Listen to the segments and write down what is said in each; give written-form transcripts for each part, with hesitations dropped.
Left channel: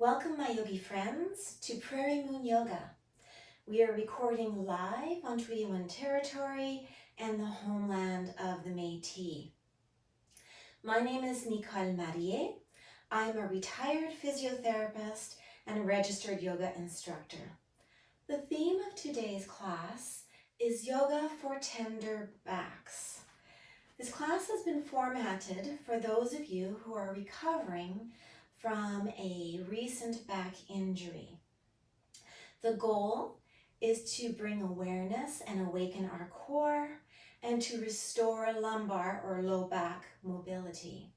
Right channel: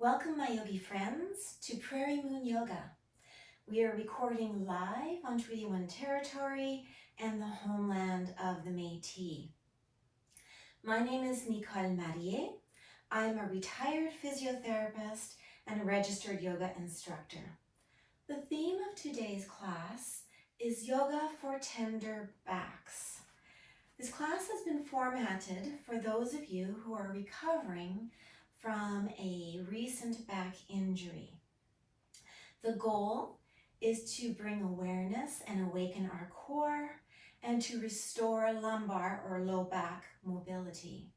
Welcome my yogi friends to Prairie Moon Yoga. We are recording live on Treaty 1 territory and the homeland of the Métis. My name is Nicole Marier. I'm a retired physiotherapist and a registered yoga instructor. The theme of today's class is Yoga for Tender Backs. This class has been formatted for those of you who are recovering from a recent back injury. The goal is to bring awareness and awaken our core and to restore lumbar or low back mobility.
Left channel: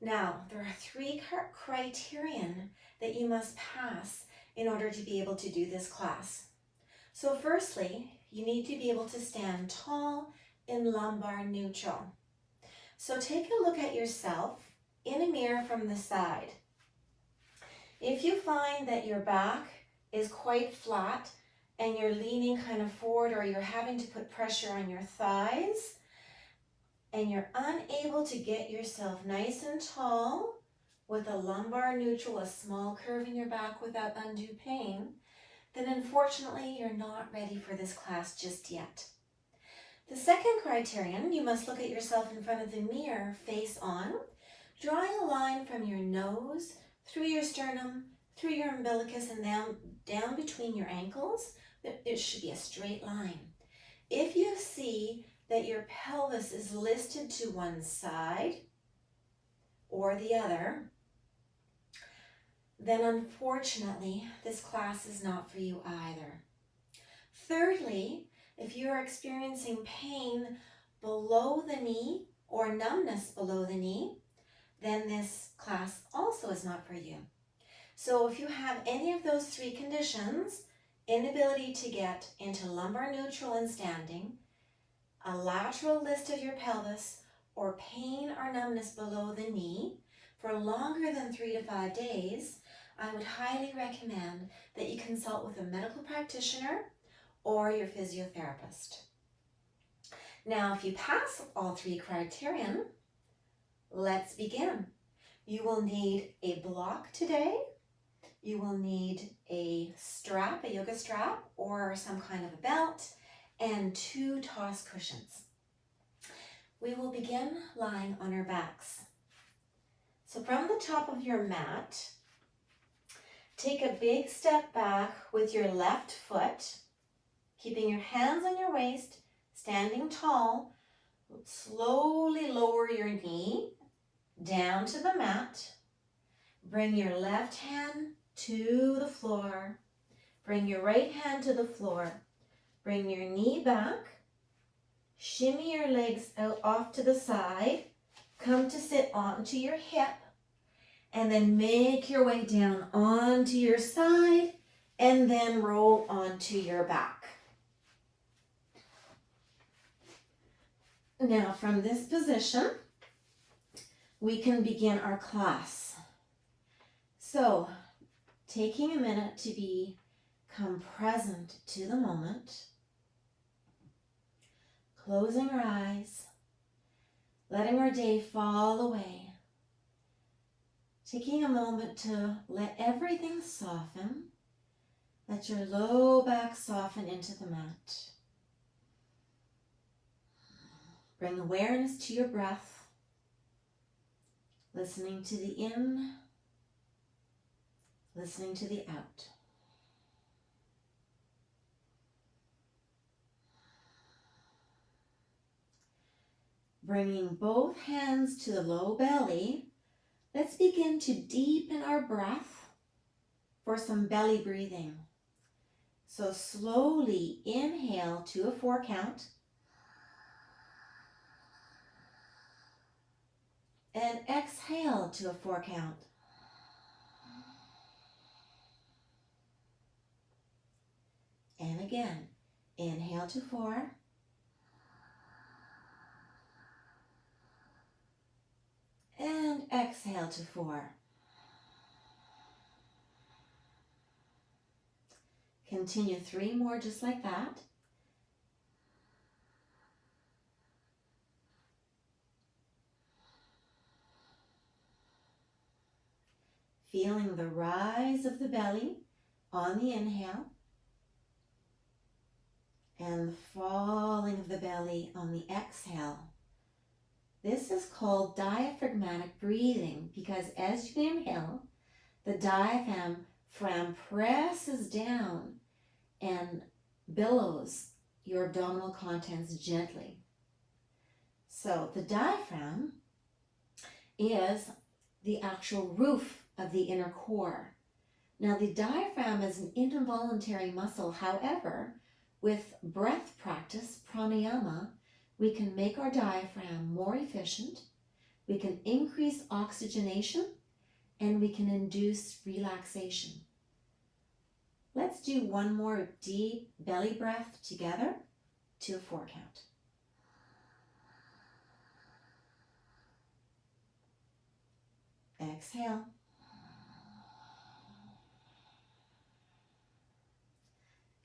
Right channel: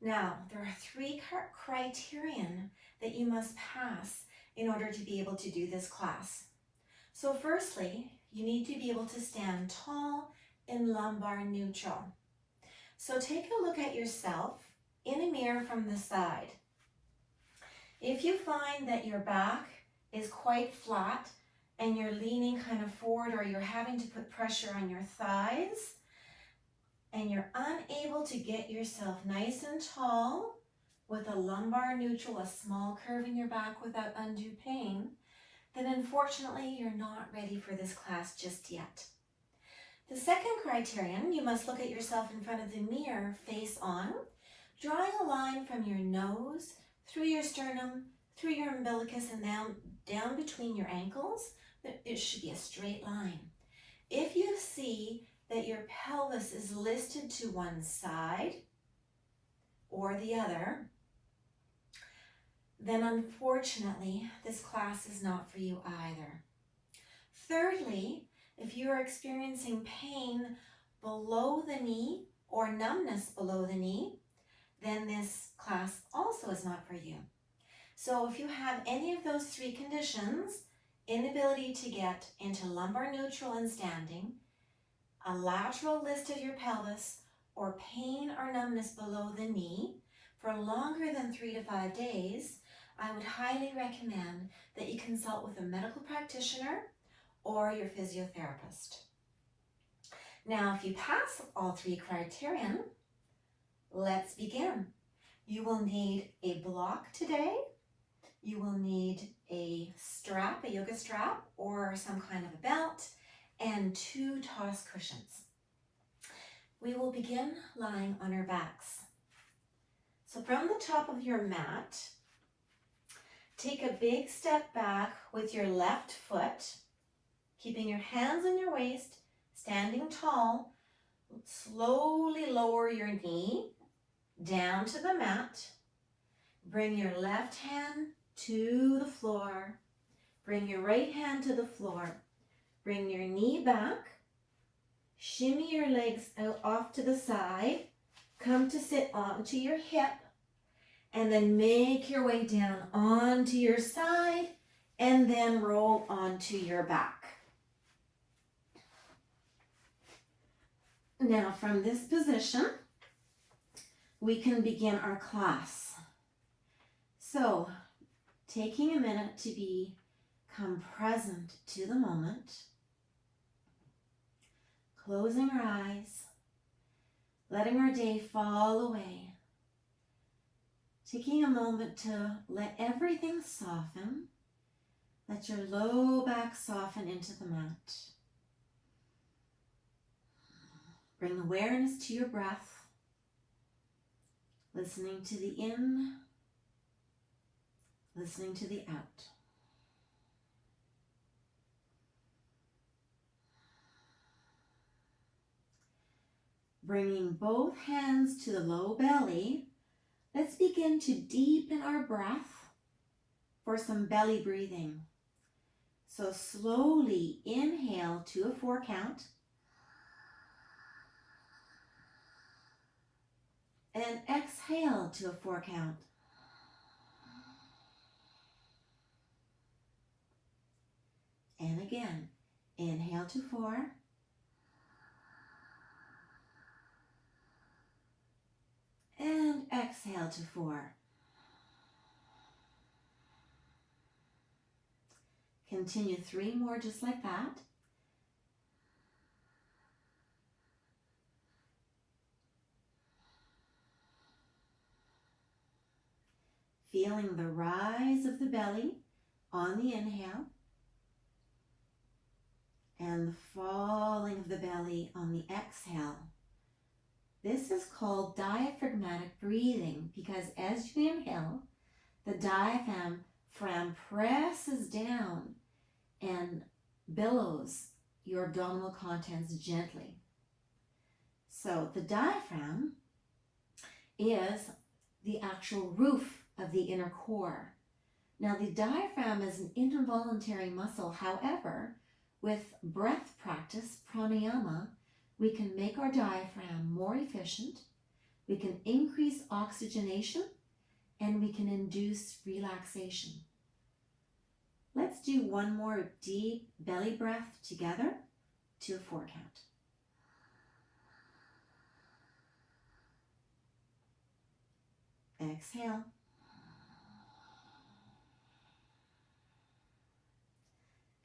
Now, there are three criterion that you must pass in order to be able to do this class. So firstly, you need to be able to stand tall in lumbar neutral. So take a look at yourself in a mirror from the side. If you find that your back is quite flat and you're leaning kind of forward or you're having to put pressure on your thighs and you're unable to get yourself nice and tall with a lumbar neutral, a small curve in your back without undue pain, then unfortunately you're not ready for this class just yet. The second criterion, you must look at yourself in front of the mirror face on, drawing a line from your nose through your sternum, through your umbilicus, and down between your ankles. It should be a straight line. If you see that your pelvis is listed to one side or the other, then unfortunately this class is not for you either. Thirdly, if you are experiencing pain below the knee or numbness below the knee, then this class also is not for you. So if you have any of those three conditions, inability to get into lumbar neutral and standing, a lateral lift of your pelvis, or pain or numbness below the knee for longer than 3 to 5 days, I would highly recommend that you consult with a medical practitioner or your physiotherapist. Now, if you pass all three criterion, let's begin. You will need a block today. You will need a strap, a yoga strap, or some kind of a belt, and 2 toss cushions. We will begin lying on our backs. So from the top of your mat, take a big step back with your left foot, keeping your hands on your waist, standing tall. Slowly lower your knee down to the mat. Bring your left hand to the floor. Bring your right hand to the floor. Bring your knee back. Shimmy your legs out off to the side. Come to sit onto your hip. And then make your way down onto your side and then roll onto your back. Now from this position, we can begin our class. So, taking a minute to become present to the moment, closing our eyes, letting our day fall away, taking a moment to let everything soften, let your low back soften into the mat. Bring awareness to your breath, listening to the in, listening to the out. Bringing both hands to the low belly, let's begin to deepen our breath for some belly breathing. So slowly inhale to a 4 count. And exhale to a 4 count. And again, inhale to 4. And exhale to 4. Continue 3 more just like that. feeling the rise of the belly on the inhale and the falling of the belly on the exhale. This is called diaphragmatic breathing because as you inhale, the diaphragm presses down and billows your abdominal contents gently. So the diaphragm is the actual roof of the inner core. Now the diaphragm is an involuntary muscle. However, with breath practice, pranayama, we can make our diaphragm more efficient, we can increase oxygenation, and we can induce relaxation. Let's do one more deep belly breath together to a 4 count. Exhale.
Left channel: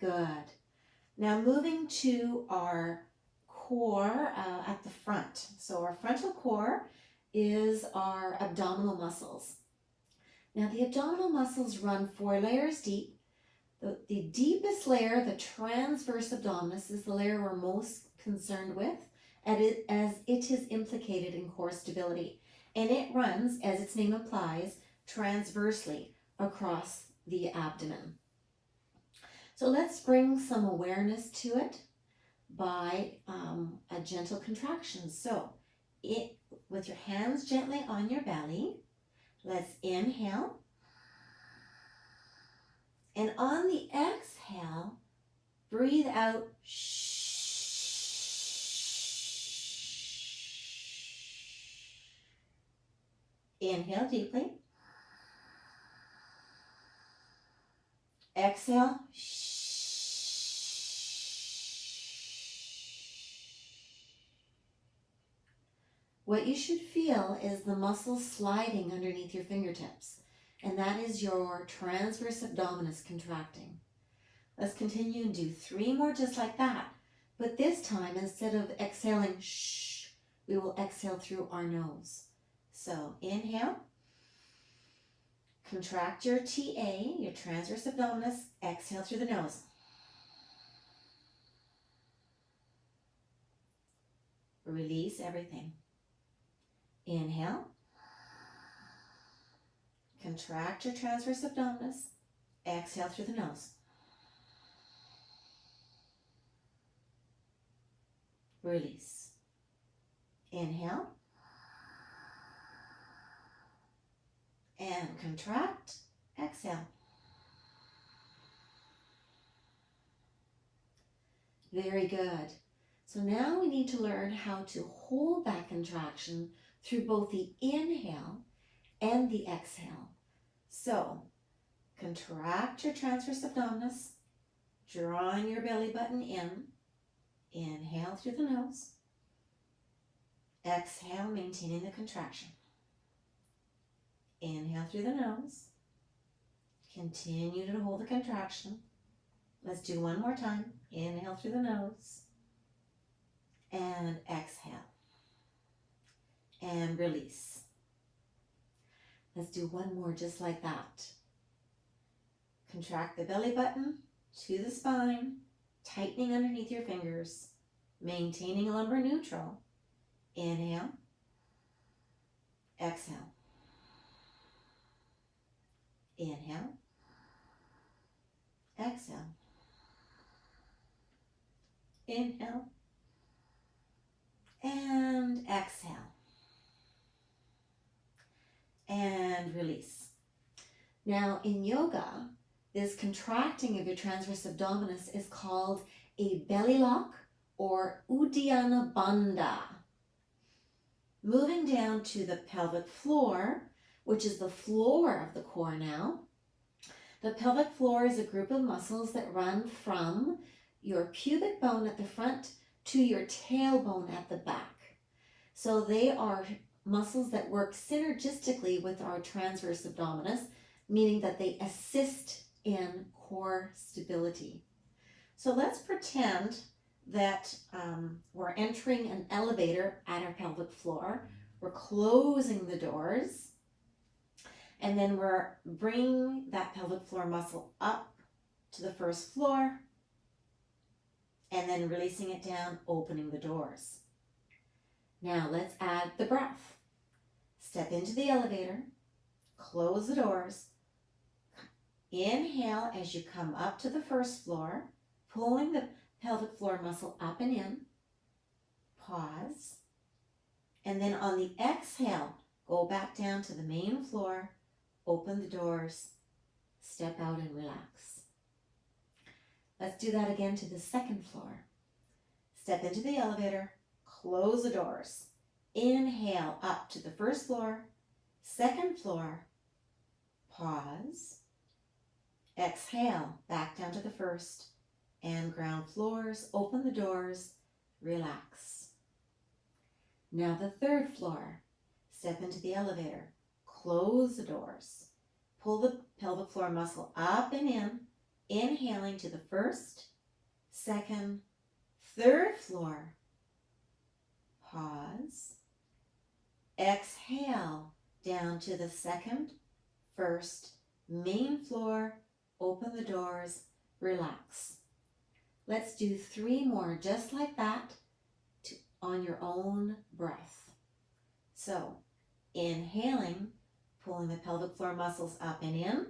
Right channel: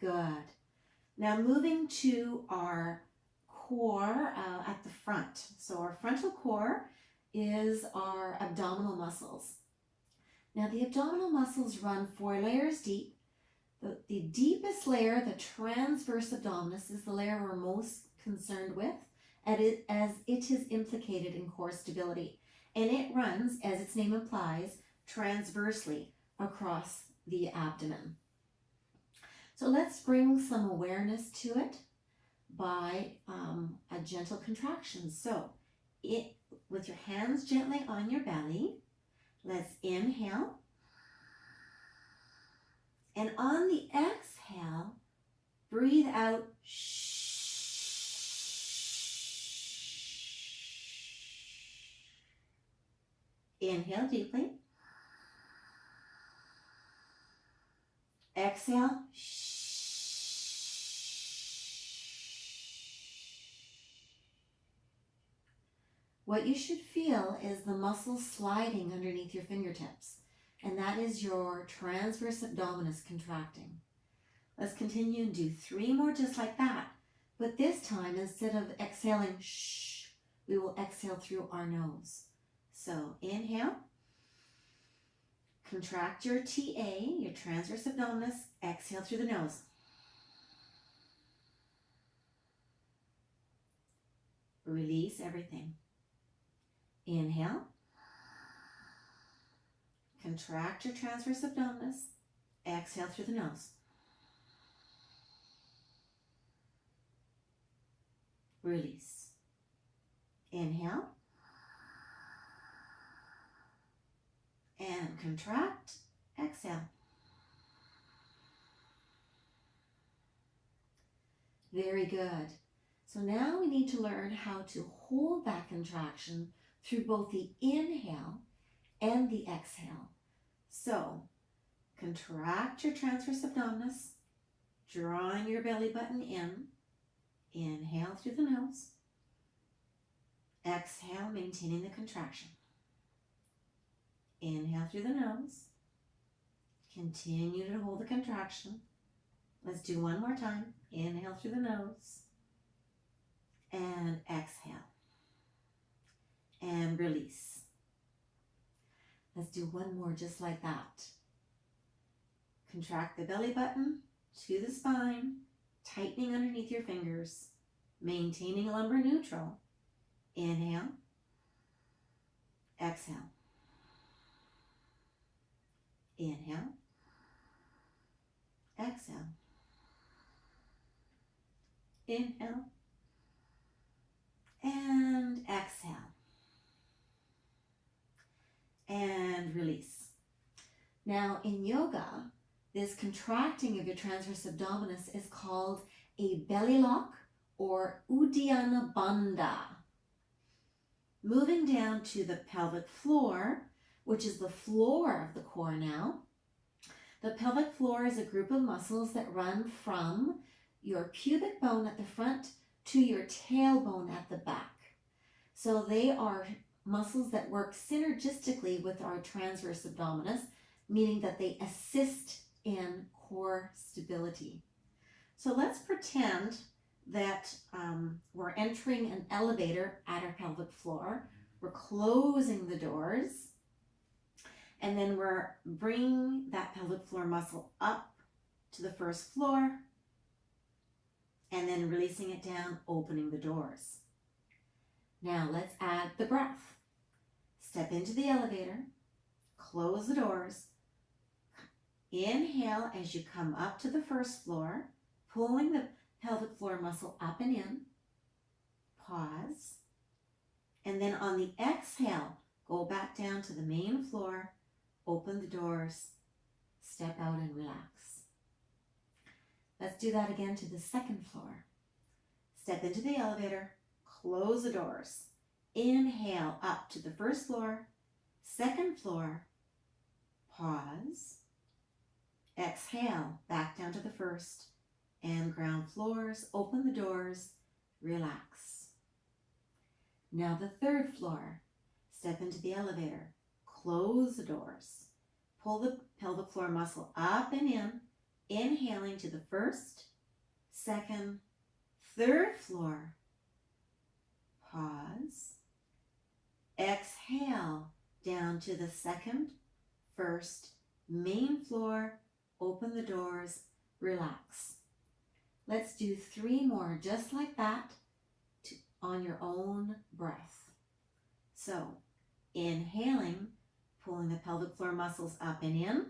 Good. Now moving to our core at the front. So our frontal core is our abdominal muscles. Now the abdominal muscles run 4 layers deep. The deepest layer, the transverse abdominis, is the layer we're most concerned with as it is implicated in core stability. And it runs, as its name implies, transversely across the abdomen. So let's bring some awareness to it by a gentle contraction. So with your hands gently on your belly, let's inhale. And on the exhale, breathe out. Inhale deeply. Exhale. What you should feel is the muscles sliding underneath your fingertips, and that is your transverse abdominis contracting. Let's continue and do 3 more just like that. But this time, instead of exhaling shh, we will exhale through our nose. So inhale, contract your TA, your transverse abdominis, exhale through the nose. Release everything. Inhale, contract your transverse abdominis, exhale through the nose. Release. Inhale. And contract. Exhale. Very good. So now we need to learn how to hold that contraction through both the inhale and the exhale. So contract your transverse abdominis, drawing your belly button in. Inhale through the nose. Exhale, maintaining the contraction. Inhale through the nose. Continue to hold the contraction. Let's do one more time. Inhale through the nose. And exhale. And release. Let's do one more just like that. Contract the belly button to the spine, tightening underneath your fingers, maintaining lumbar neutral. Inhale. Exhale. Inhale. Exhale. Inhale. And exhale. And release. Now in yoga, this contracting of your transverse abdominis is called a belly lock or Uddiyana Bandha. Moving down to the pelvic floor, which is the floor of the core now. The pelvic floor is a group of muscles that run from your pubic bone at the front to your tailbone at the back. So they are muscles that work synergistically with our transverse abdominis, meaning that they assist in core stability. So let's pretend that we're entering an elevator at our pelvic floor. We're closing the doors. And then we're bringing that pelvic floor muscle up to the first floor, and then releasing it down, opening the doors. Now let's add the breath. Step into the elevator, close the doors, inhale as you come up to the first floor, pulling the pelvic floor muscle up and in, pause, and then on the exhale, go back down to the main floor, open the doors, step out and relax. Let's do that again to the second floor. Step into the elevator, close the doors, inhale up to the first floor, second floor, pause, exhale back down to the first, and ground floors, open the doors, relax. Now the third floor, step into the elevator, close the doors, pull the pelvic floor muscle up and in, inhaling to the first, second, third floor, pause, exhale down to the second, first, main floor, open the doors, relax. Let's do 3 more just like that on your own breath. So, inhaling, pulling the pelvic floor muscles up and in,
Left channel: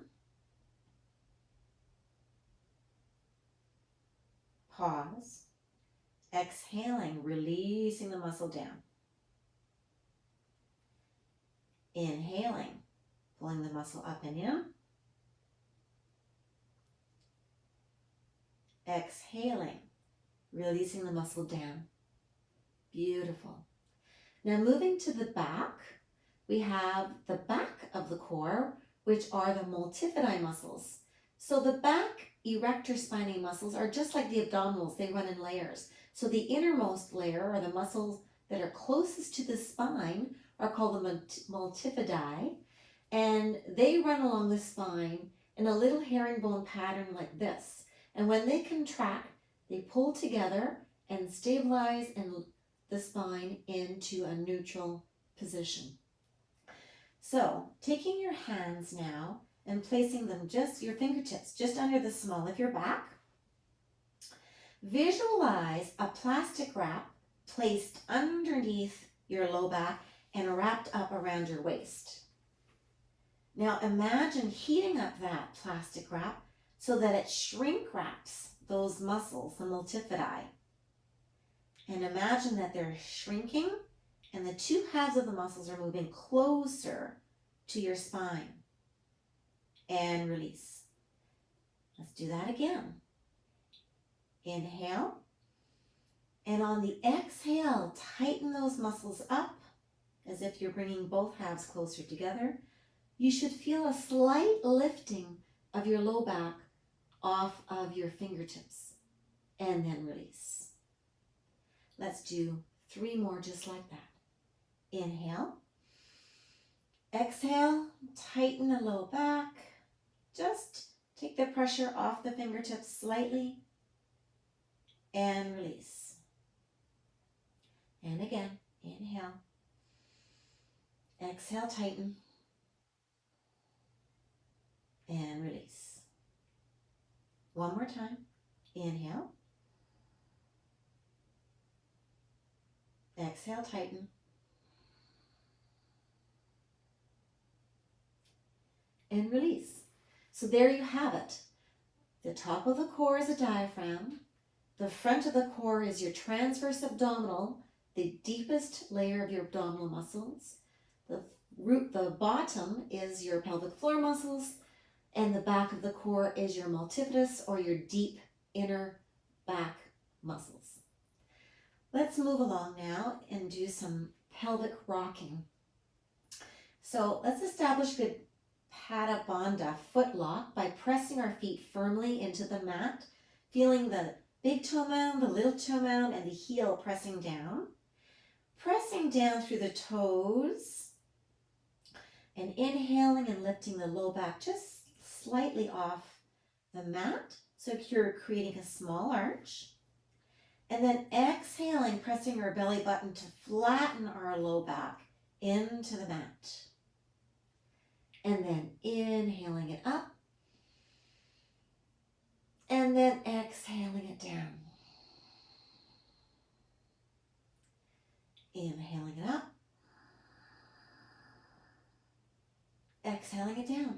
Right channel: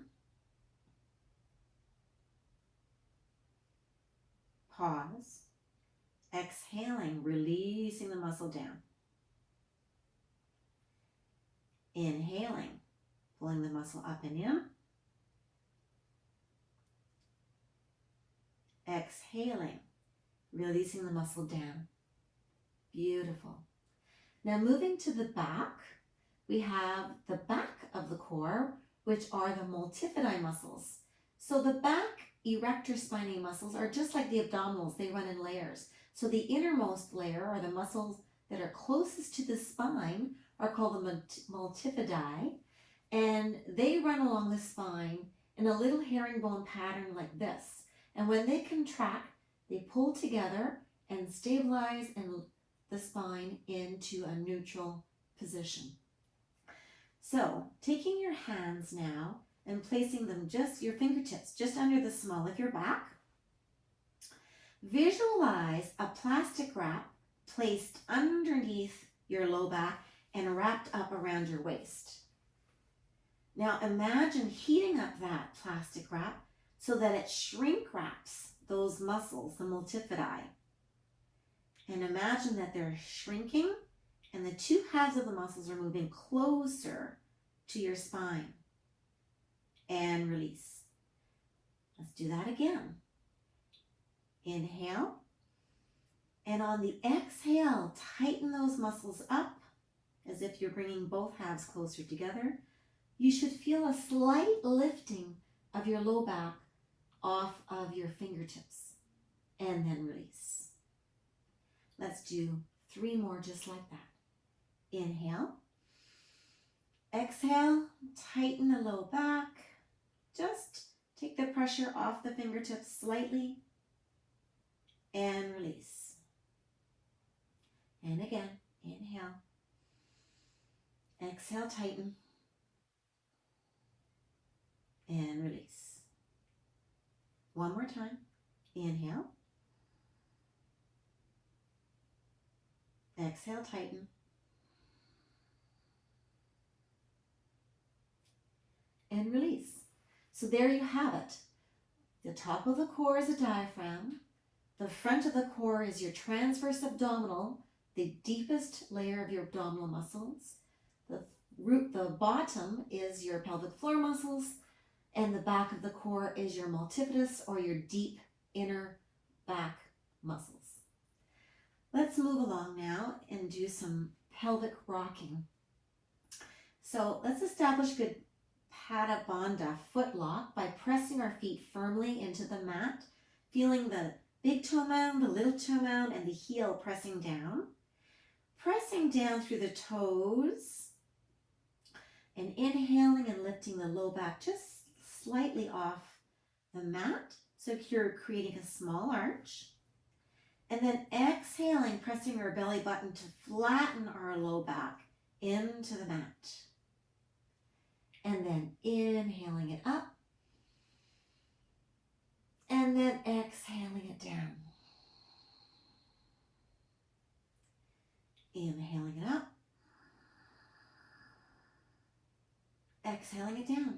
pause, exhaling, releasing the muscle down. Inhaling, pulling the muscle up and in. Exhaling, releasing the muscle down. Beautiful. Now moving to the back, we have the back of the core, which are the multifidi muscles. So the back erector spinae muscles are just like the abdominals, they run in layers. So the innermost layer, or the muscles that are closest to the spine, are called the multifidi, and they run along the spine in a little herringbone pattern like this. And when they contract, they pull together and stabilize the spine into a neutral position. So taking your hands now and placing them your fingertips just under the small of your back. Visualize a plastic wrap placed underneath your low back and wrapped up around your waist. Now imagine heating up that plastic wrap so that it shrink wraps those muscles, the multifidi. And imagine that they're shrinking and the 2 halves of the muscles are moving closer to your spine. And release. Let's do that again. Inhale. And on the exhale, tighten those muscles up as if you're bringing both halves closer together. You should feel a slight lifting of your low back off of your fingertips. And then release. Let's do 3 more just like that. Inhale. Exhale, tighten the low back. Just take the pressure off the fingertips slightly and release. And again, inhale. Exhale, tighten and release. One more time. Inhale. Exhale, tighten. And release. So there you have it. The top of the core is a diaphragm. The front of the core is your transverse abdominal, the deepest layer of your abdominal muscles. The bottom is your pelvic floor muscles, and the back of the core is your multifidus, or your deep inner back muscles. Let's move along now and do some pelvic rocking. So let's establish good Pada Bandha foot lock by pressing our feet firmly into the mat, feeling the big toe mound, the little toe mound, and the heel pressing down. Pressing down through the toes and inhaling and lifting the low back just slightly off the mat. So you're creating a small arch. And then exhaling, pressing our belly button to flatten our low back into the mat. And then inhaling it up. And then exhaling it down. Inhaling it up. Exhaling it down.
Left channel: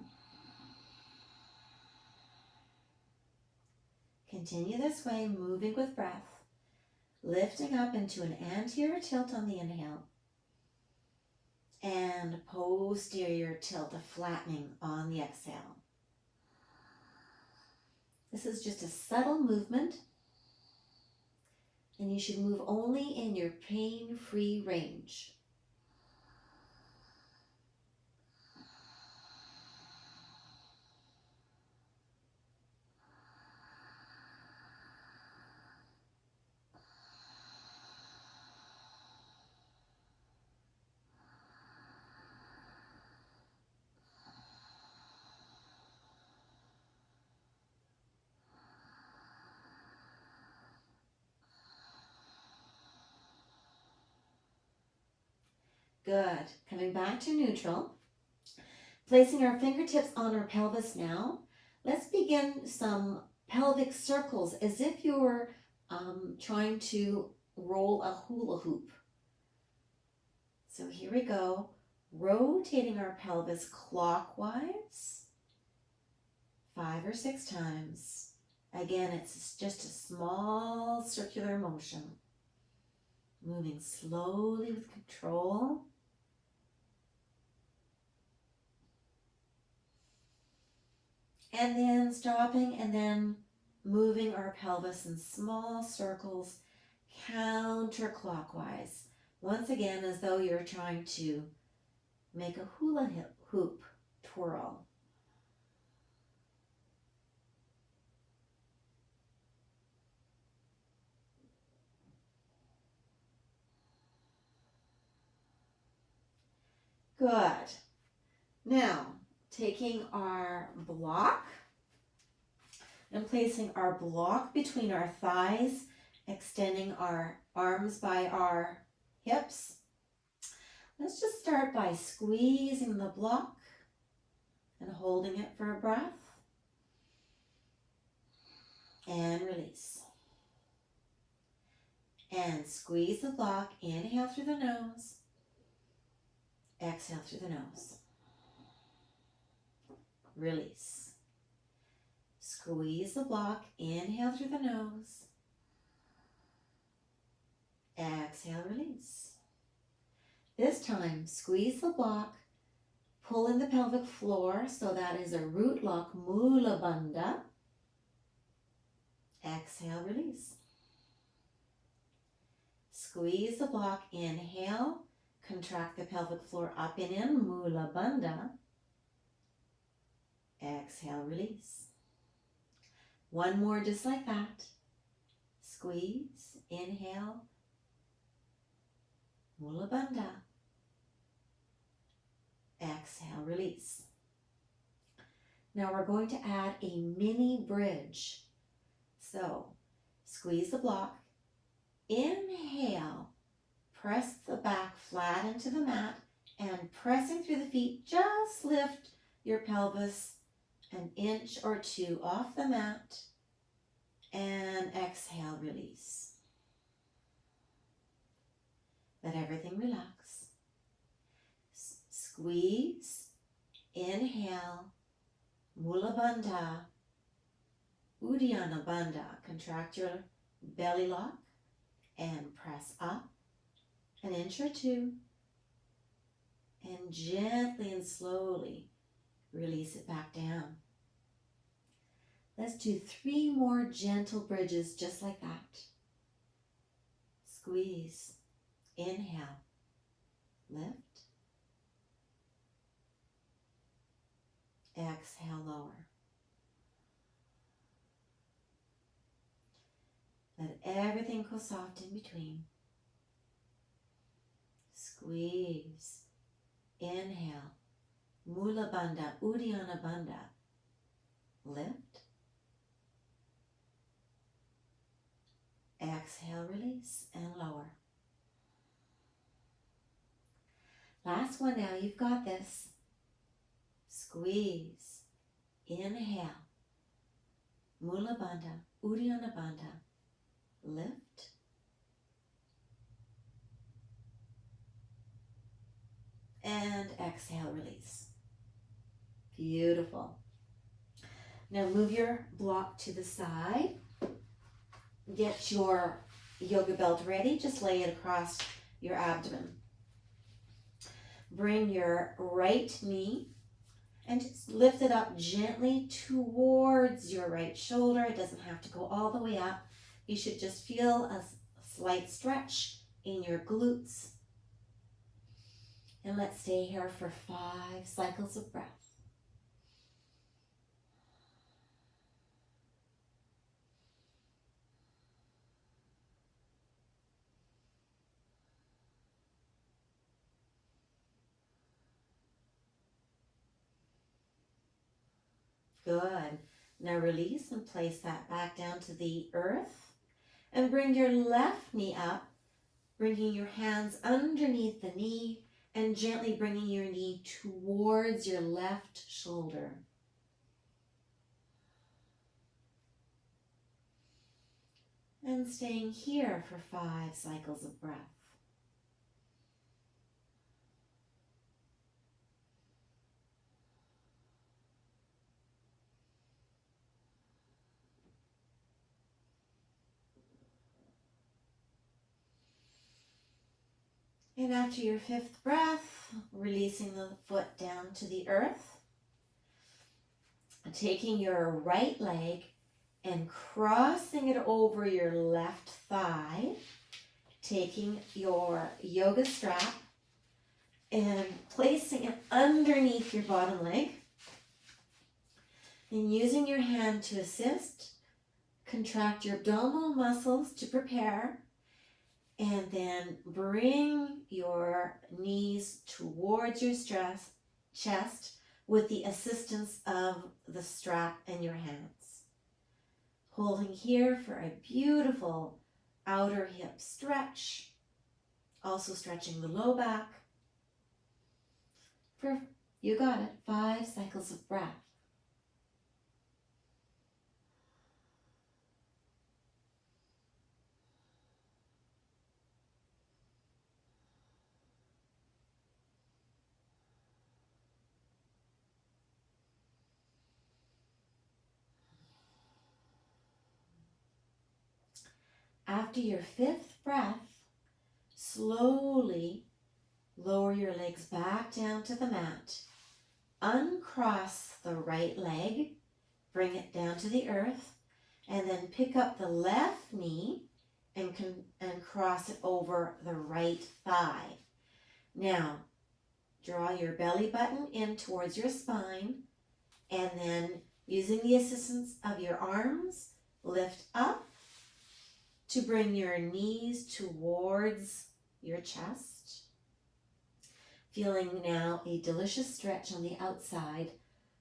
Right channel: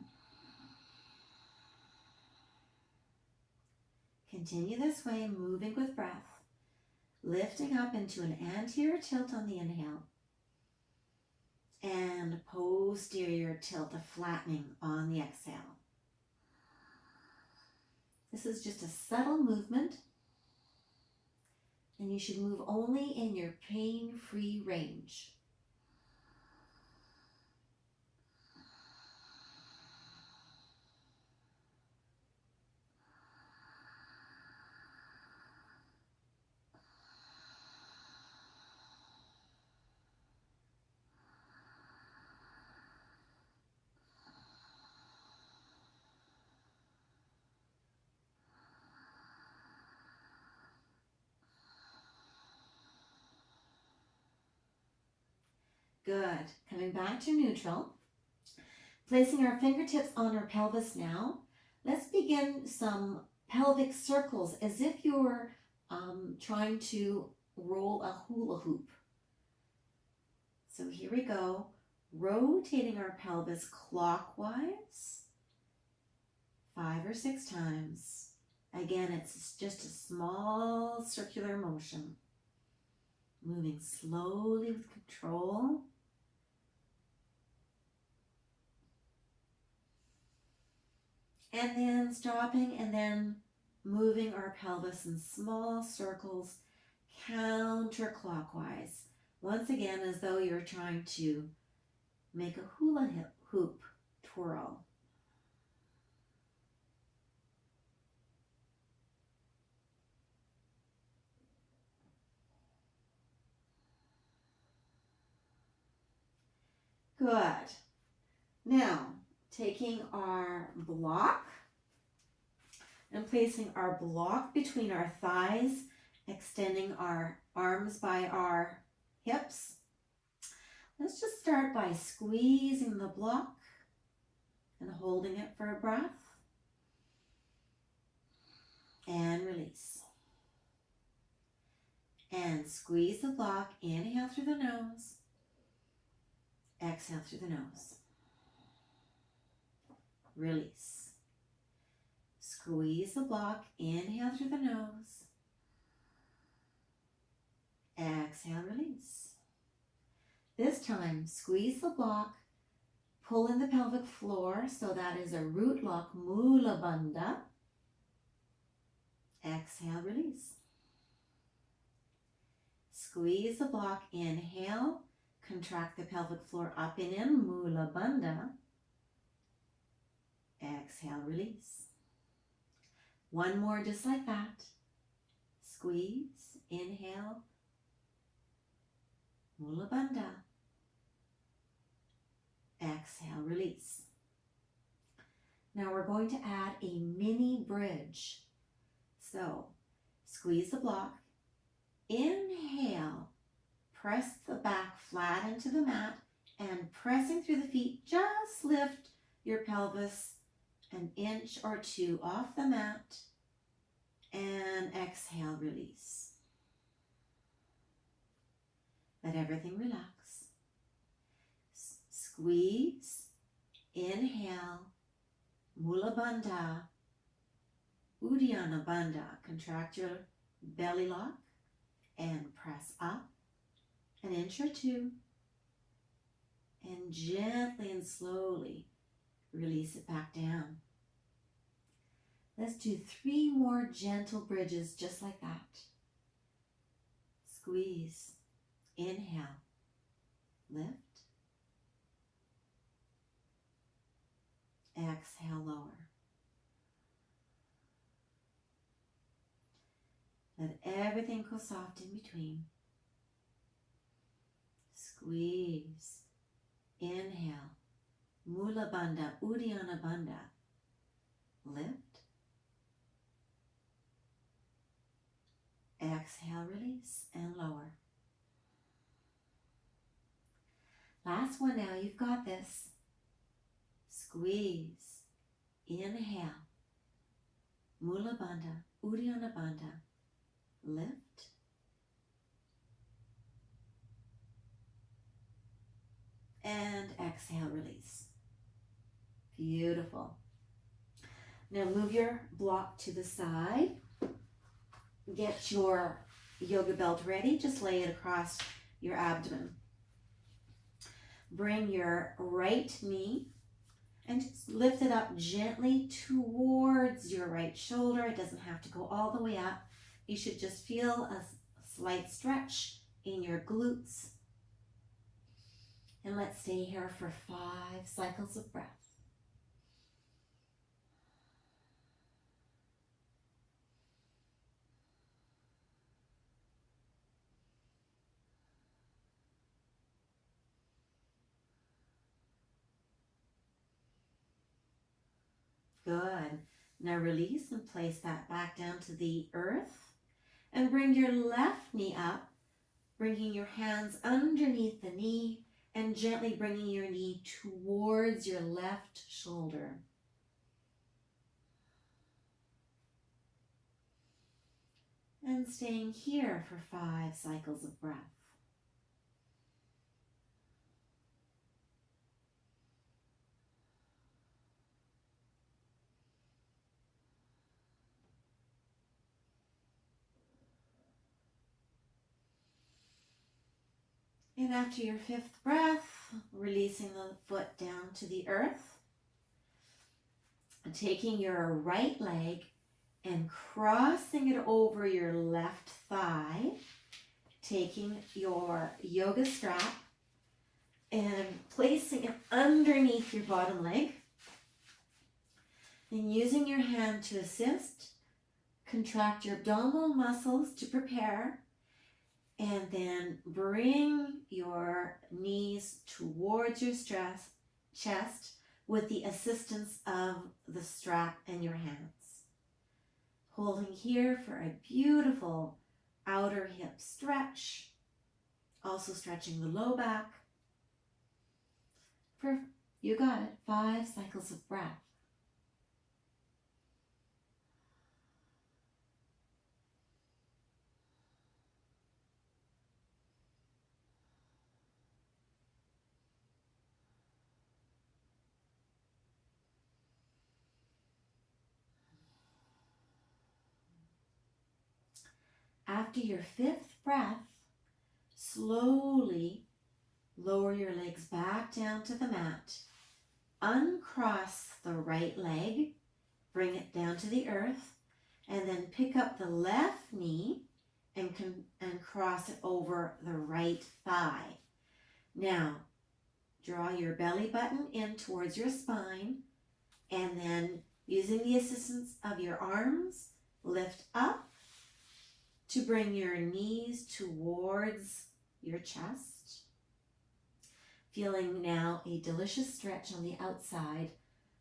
Continue this way, moving with breath. Lifting up into an anterior tilt on the inhale. And posterior tilt, a flattening on the exhale. This is just a subtle movement, and you should move only in your pain-free range. Good. Coming back to neutral. Placing our fingertips on our pelvis now. Let's begin some pelvic circles as if you're trying to roll a hula hoop. So here we go. Rotating our pelvis clockwise 5 or 6 times. Again, it's just a small circular motion. Moving slowly with control. And then stopping and then moving our pelvis in small circles counterclockwise. Once again, as though you're trying to make a hula hoop twirl. Good. Now, taking our block and placing our block between our thighs, extending our arms by our hips. Let's just start by squeezing the block and holding it for a breath. And release. And squeeze the block. Inhale through the nose. Exhale through the nose. Release. Squeeze the block. Inhale through the nose. Exhale, release. This time, squeeze the block. Pull in the pelvic floor, so that is a root lock, Mula Bandha. Exhale, release. Squeeze the block. Inhale. Contract the pelvic floor up and in, Mula Bandha. Exhale, release. One more just like that. Squeeze, inhale, Mula Bandha. Exhale, release. Now we're going to add a mini bridge. So, squeeze the block. Inhale, press the back flat into the mat, and pressing through the feet, just lift your pelvis an inch or 2 off the mat, and exhale, release. Let everything relax. Squeeze, inhale, Mula Bandha, Uddiyana Bandha. Contract your belly lock and press up an inch or 2, and gently and slowly release it back down. Let's do 3 more gentle bridges just like that. Squeeze, inhale, lift, exhale, lower. Let everything go soft in between. Squeeze, inhale, Mula Bandha, Uddiyana Bandha. Lift, exhale, release, and lower. Last one now, you've got this. Squeeze. Inhale. Mula Bandha, Uddiyana Bandha. Lift. And exhale, release. Beautiful. Now move your block to the side. Get your yoga belt ready. Just lay it across your abdomen. Bring your right knee and just lift it up gently towards your right shoulder. It doesn't have to go all the way up. You should just feel a slight stretch in your glutes. And let's stay here for 5 cycles of breath. Good. Now release and place that back down to the earth. And bring your left knee up, bringing your hands underneath the knee and gently bringing your knee towards your left shoulder. And staying here for 5 cycles of breath. And after your 5th breath, releasing the foot down to the earth. Taking your right leg and crossing it over your left thigh. Taking your yoga strap and placing it underneath your bottom leg. And using your hand to assist, contract your abdominal muscles to prepare. And then bring your knees towards your chest with the assistance of the strap in your hands. Holding here for a beautiful outer hip stretch. Also stretching the low back. You got it, 5 cycles of breath. After your 5th breath, slowly lower your legs back down to the mat. Uncross the right leg, bring it down to the earth, and then pick up the left knee and cross it over the right thigh. Now, draw your belly button in towards your spine, and then using the assistance of your arms, lift up to bring your knees towards your chest. Feeling now a delicious stretch on the outside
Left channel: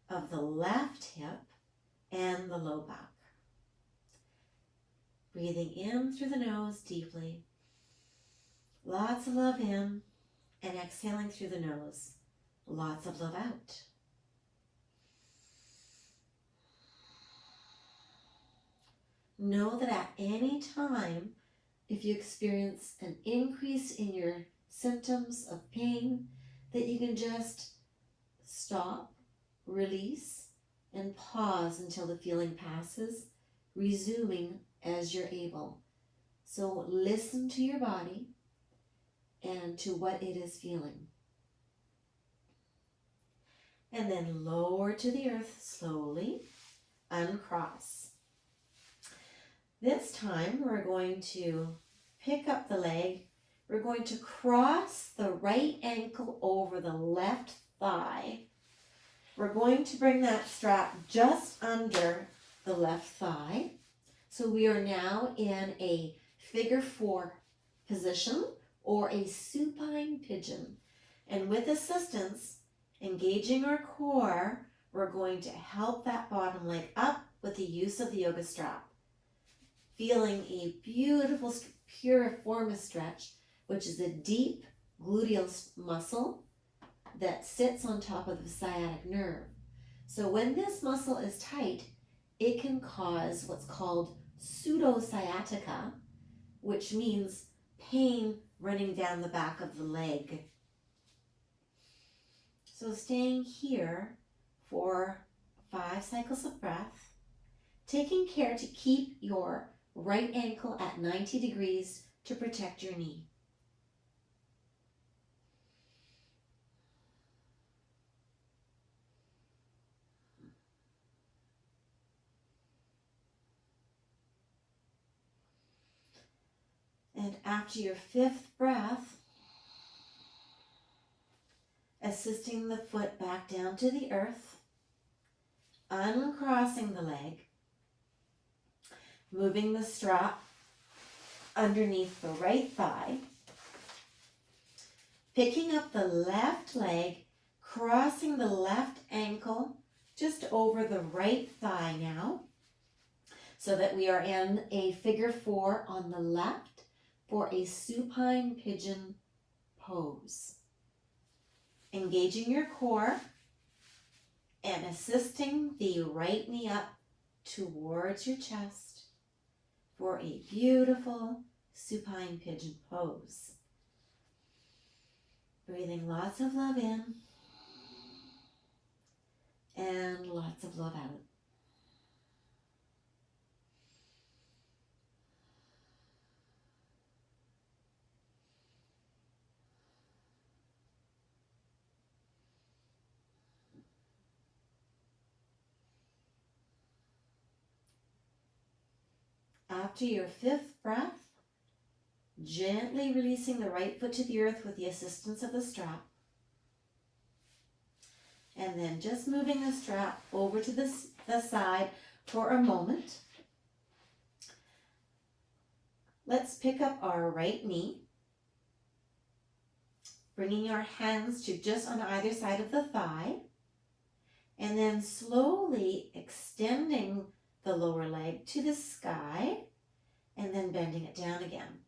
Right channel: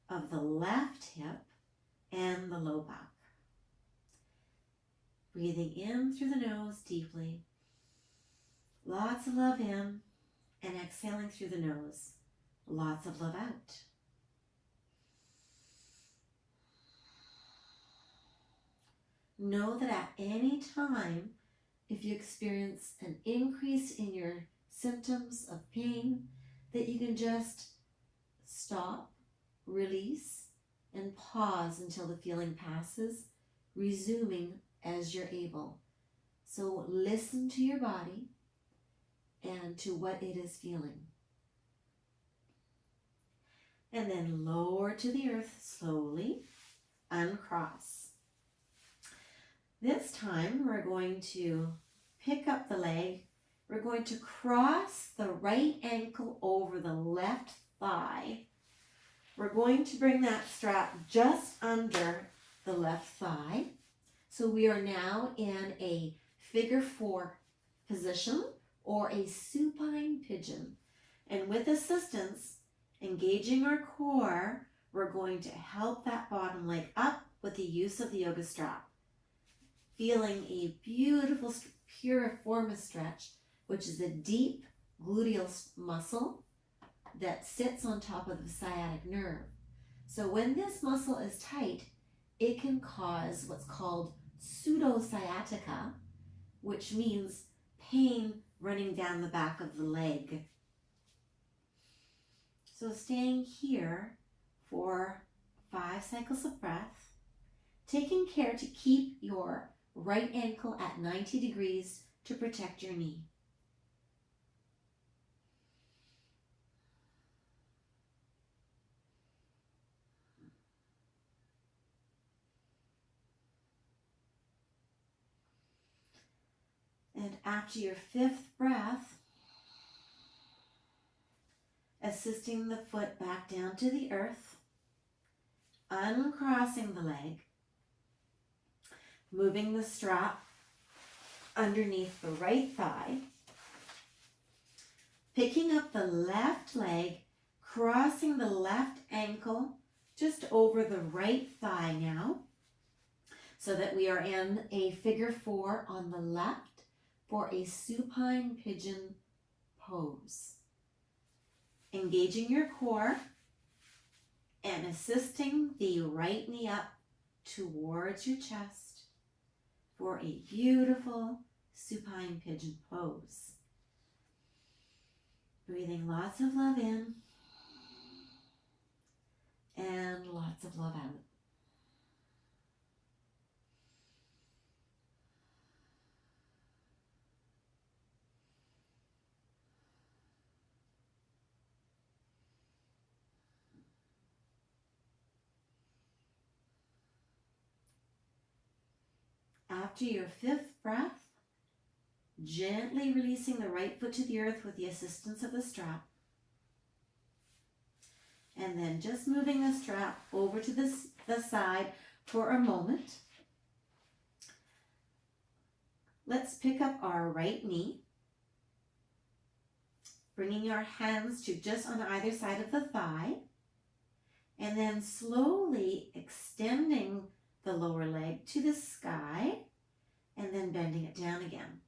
of the left hip and the low back. Breathing in through the nose deeply. Lots of love in, and exhaling through the nose. Lots of love out. Know that at any time, if you experience an increase in your symptoms of pain, that you can just stop, release, and pause until the feeling passes, resuming as you're able. So listen to your body and to what it is feeling. And then lower to the earth slowly, uncross. This time we're going to pick up the leg. We're going to cross the right ankle over the left thigh. We're going to bring that strap just under the left thigh. So we are now in a figure 4 position or a supine pigeon. And with assistance, engaging our core, we're going to help that bottom leg up with the use of the yoga strap. Feeling a beautiful Piriformis Stretch, which is a deep gluteal muscle that sits on top of the sciatic nerve. So when this muscle is tight, it can cause what's called pseudosciatica, which means pain running down the back of the leg. So staying here for 5 cycles of breath, taking care to keep your right ankle at 90 degrees to protect your knee. And after your 5th breath, assisting the foot back down to the earth, uncrossing the leg, moving the strap underneath the right thigh, picking up the left leg, crossing the left ankle just over the right thigh now, so that we are in a figure 4 on the left for a supine pigeon pose. Engaging your core and assisting the right knee up towards your chest for a beautiful supine pigeon pose. Breathing lots of love in and lots of love out. After your 5th breath, gently releasing the right foot to the earth with the assistance of the strap. And then just moving the strap over to the side for a moment. Let's pick up our right knee, bringing our hands to just on either side of the thigh, and then slowly extending the lower leg to the sky, and then bending it down again.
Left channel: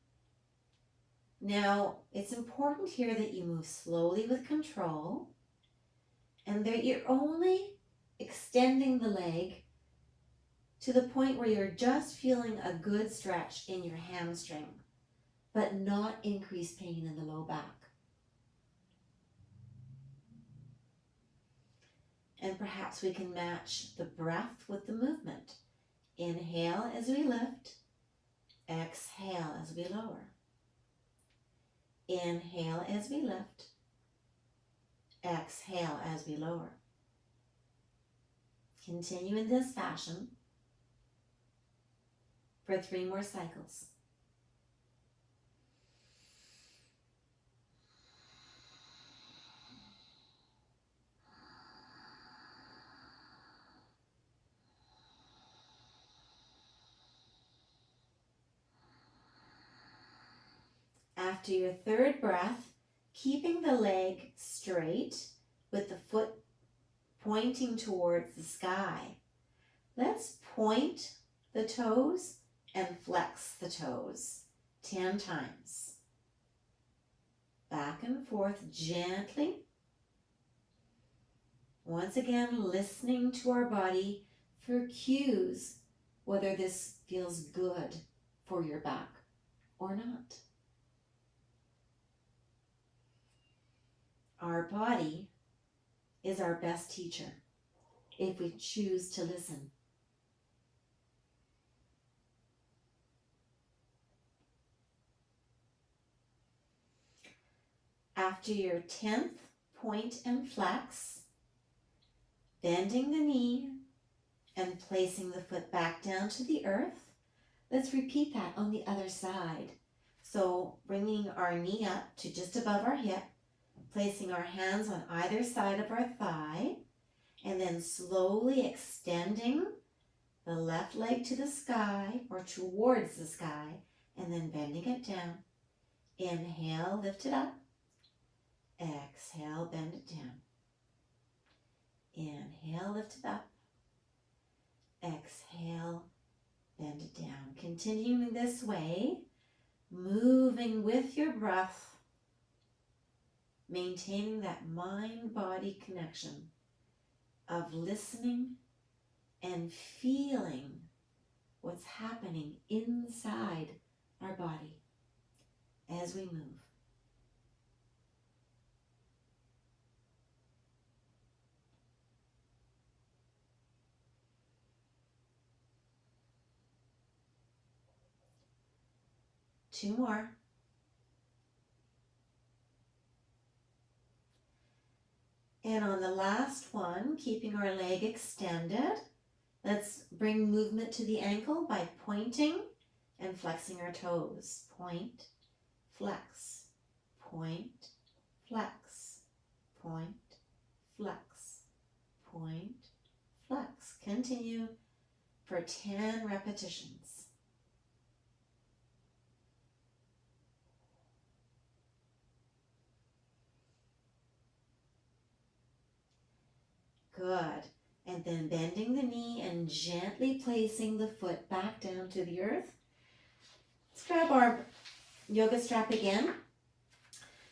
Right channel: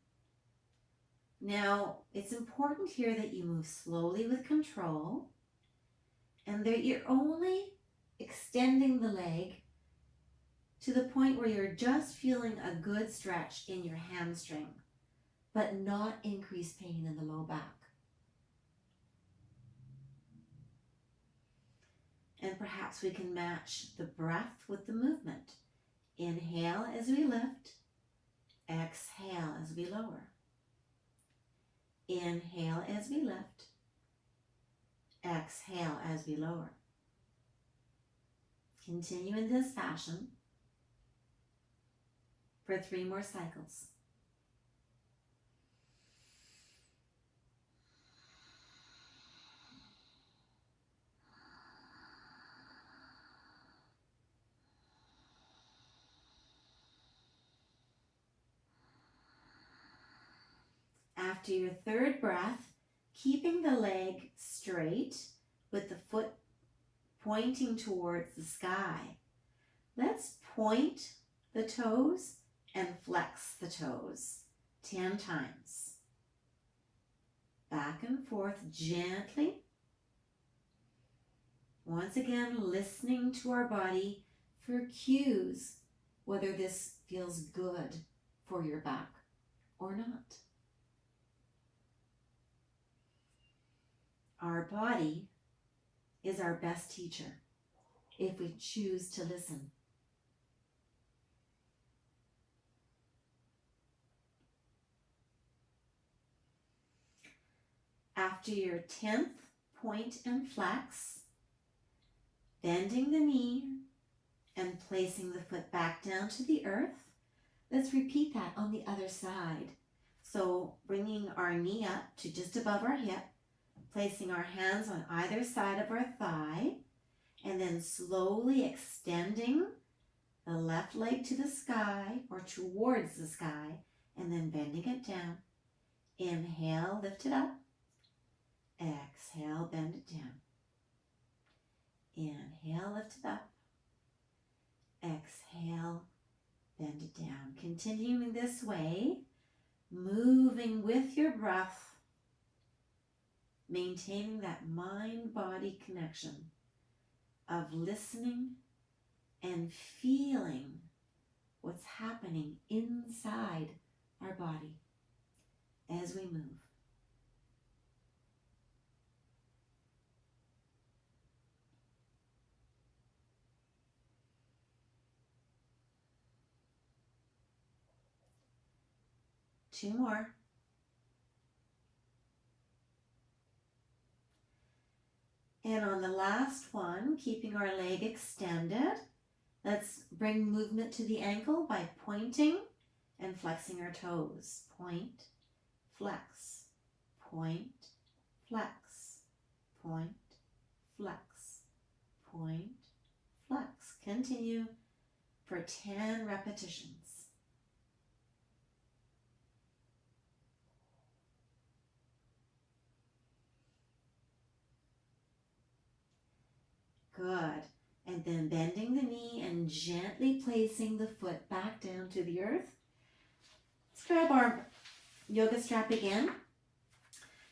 Now, it's important here that you move slowly with control, and that you're only extending the leg to the point where you're just feeling a good stretch in your hamstring, but not increased pain in the low back. And perhaps we can match the breath with the movement. Inhale as we lift, exhale as we lower. Inhale as we lift, exhale as we lower. Continue in this fashion for 3 more cycles. After your 3rd breath, keeping the leg straight with the foot pointing towards the sky, let's point the toes and flex the toes 10 times. Back and forth gently. Once again, listening to our body for cues, whether this feels good for your back or not. Our body is our best teacher if we choose to listen. After your 10th point and flex, bending the knee and placing the foot back down to the earth, let's repeat that on the other side. So bringing our knee up to just above our hip, placing our hands on either side of our thigh, and then slowly extending the left leg to the sky or towards the sky, and then bending it down. Inhale, lift it up. Exhale, bend it down. Inhale, lift it up. Exhale, bend it down. Continuing this way, moving with your breath, maintaining that mind-body connection of listening and feeling what's happening inside our body as we move. Two more. And on the last one, keeping our leg extended, let's bring movement to the ankle by pointing and flexing our toes. Point, flex, point, flex, point, flex, point, flex. Continue for 10 repetitions. Good. And then bending the knee and gently placing the foot back down to the earth. Let's grab our yoga strap again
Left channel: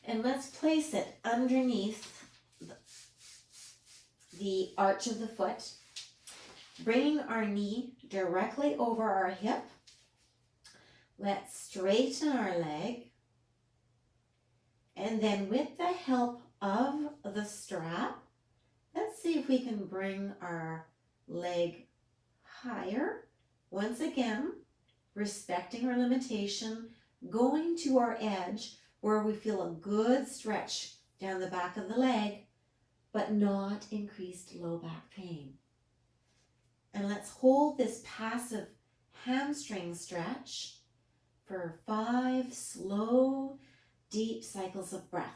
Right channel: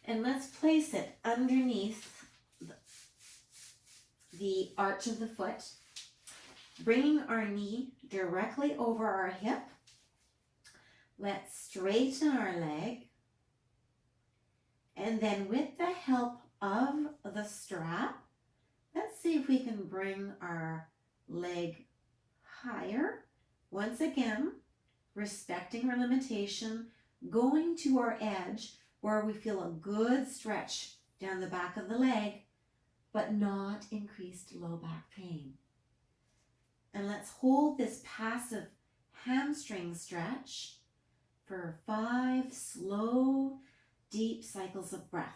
and let's place it underneath the arch of the foot, bringing our knee directly over our hip. Let's straighten our leg, and then with the help of the strap, let's see if we can bring our leg higher. Once again, respecting our limitation, going to our edge where we feel a good stretch down the back of the leg, but not increased low back pain. And let's hold this passive hamstring stretch for 5 slow, deep cycles of breath.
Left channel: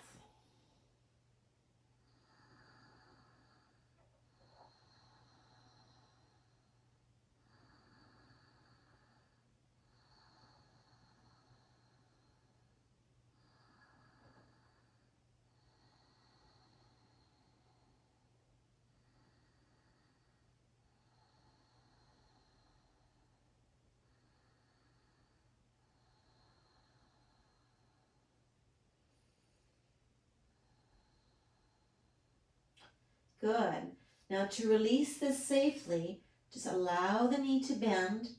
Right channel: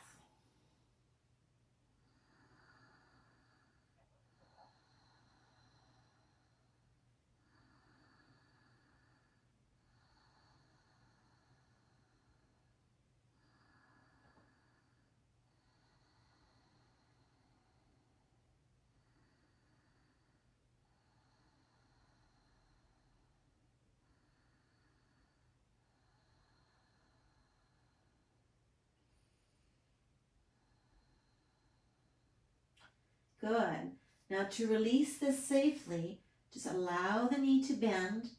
Good. Now to release this safely, just allow the knee to bend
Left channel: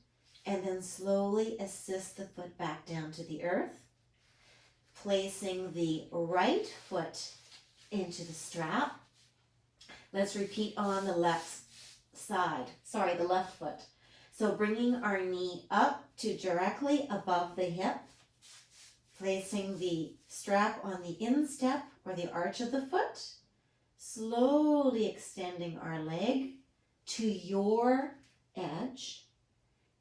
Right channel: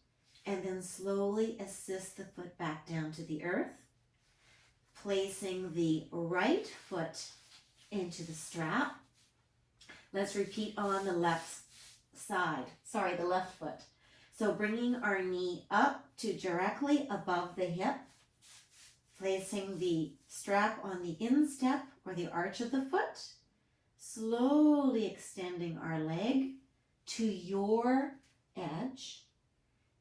and then slowly assist the foot back down to the earth, placing the right foot into the strap. Let's repeat on the left foot. So bringing our knee up to directly above the hip, placing the strap on the instep or the arch of the foot, slowly extending our leg to your edge,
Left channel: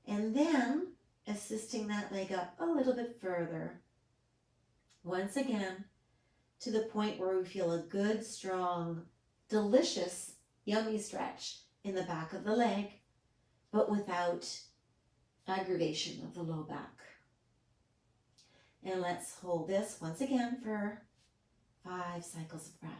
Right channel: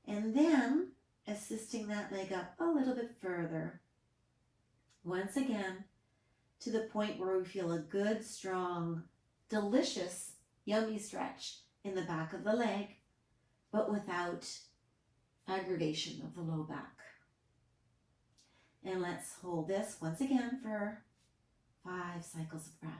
and then assisting that leg up a little bit further. Once again, to the point where we feel a good, strong, delicious, yummy stretch in the back of the leg, but without aggravation of the low back. And let's hold this once again for 5 cycles of breath.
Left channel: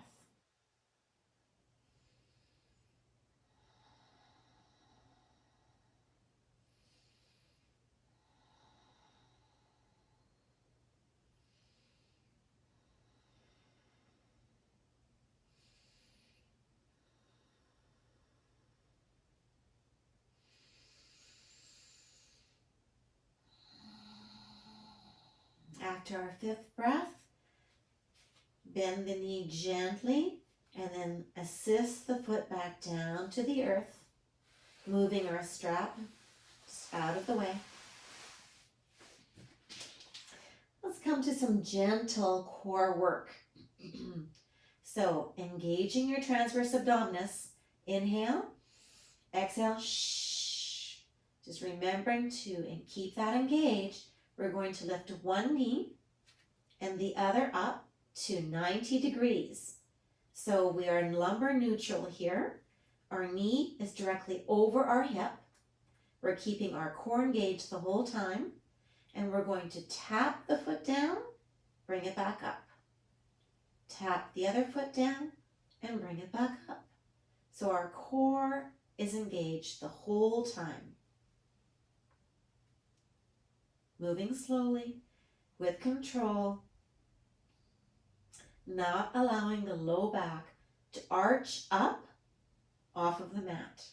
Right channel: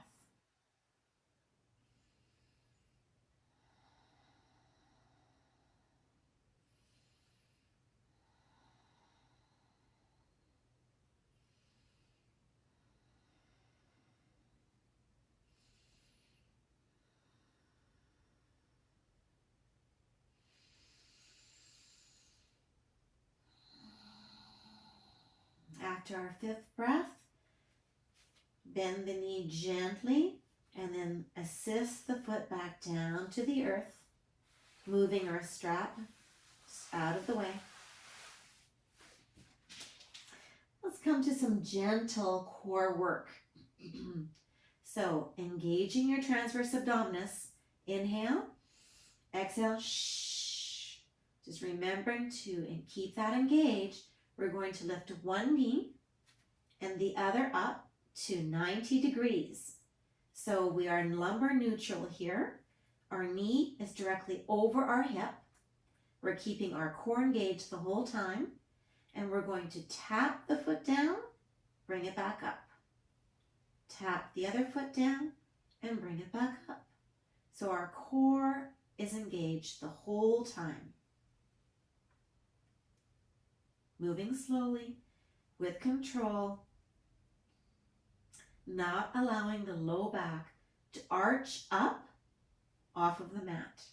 After our 5th breath, bend the knee gently and then assist the foot back down to the earth, moving our strap just out of the way. Let's come to some gentle core work. So engaging your transverse abdominis, inhale, exhale, shh. Just remembering to keep that engaged. We're going to lift one knee and the other up to 90 degrees. So we are in lumbar neutral here. Our knee is directly over our hip. We're keeping our core engaged the whole time. And we're going to tap the foot down, bring it back up. Tap the other foot down and bring it back up. So our core is engaged the whole time. Moving slowly with control, not allowing the low back to arch up off of the mat.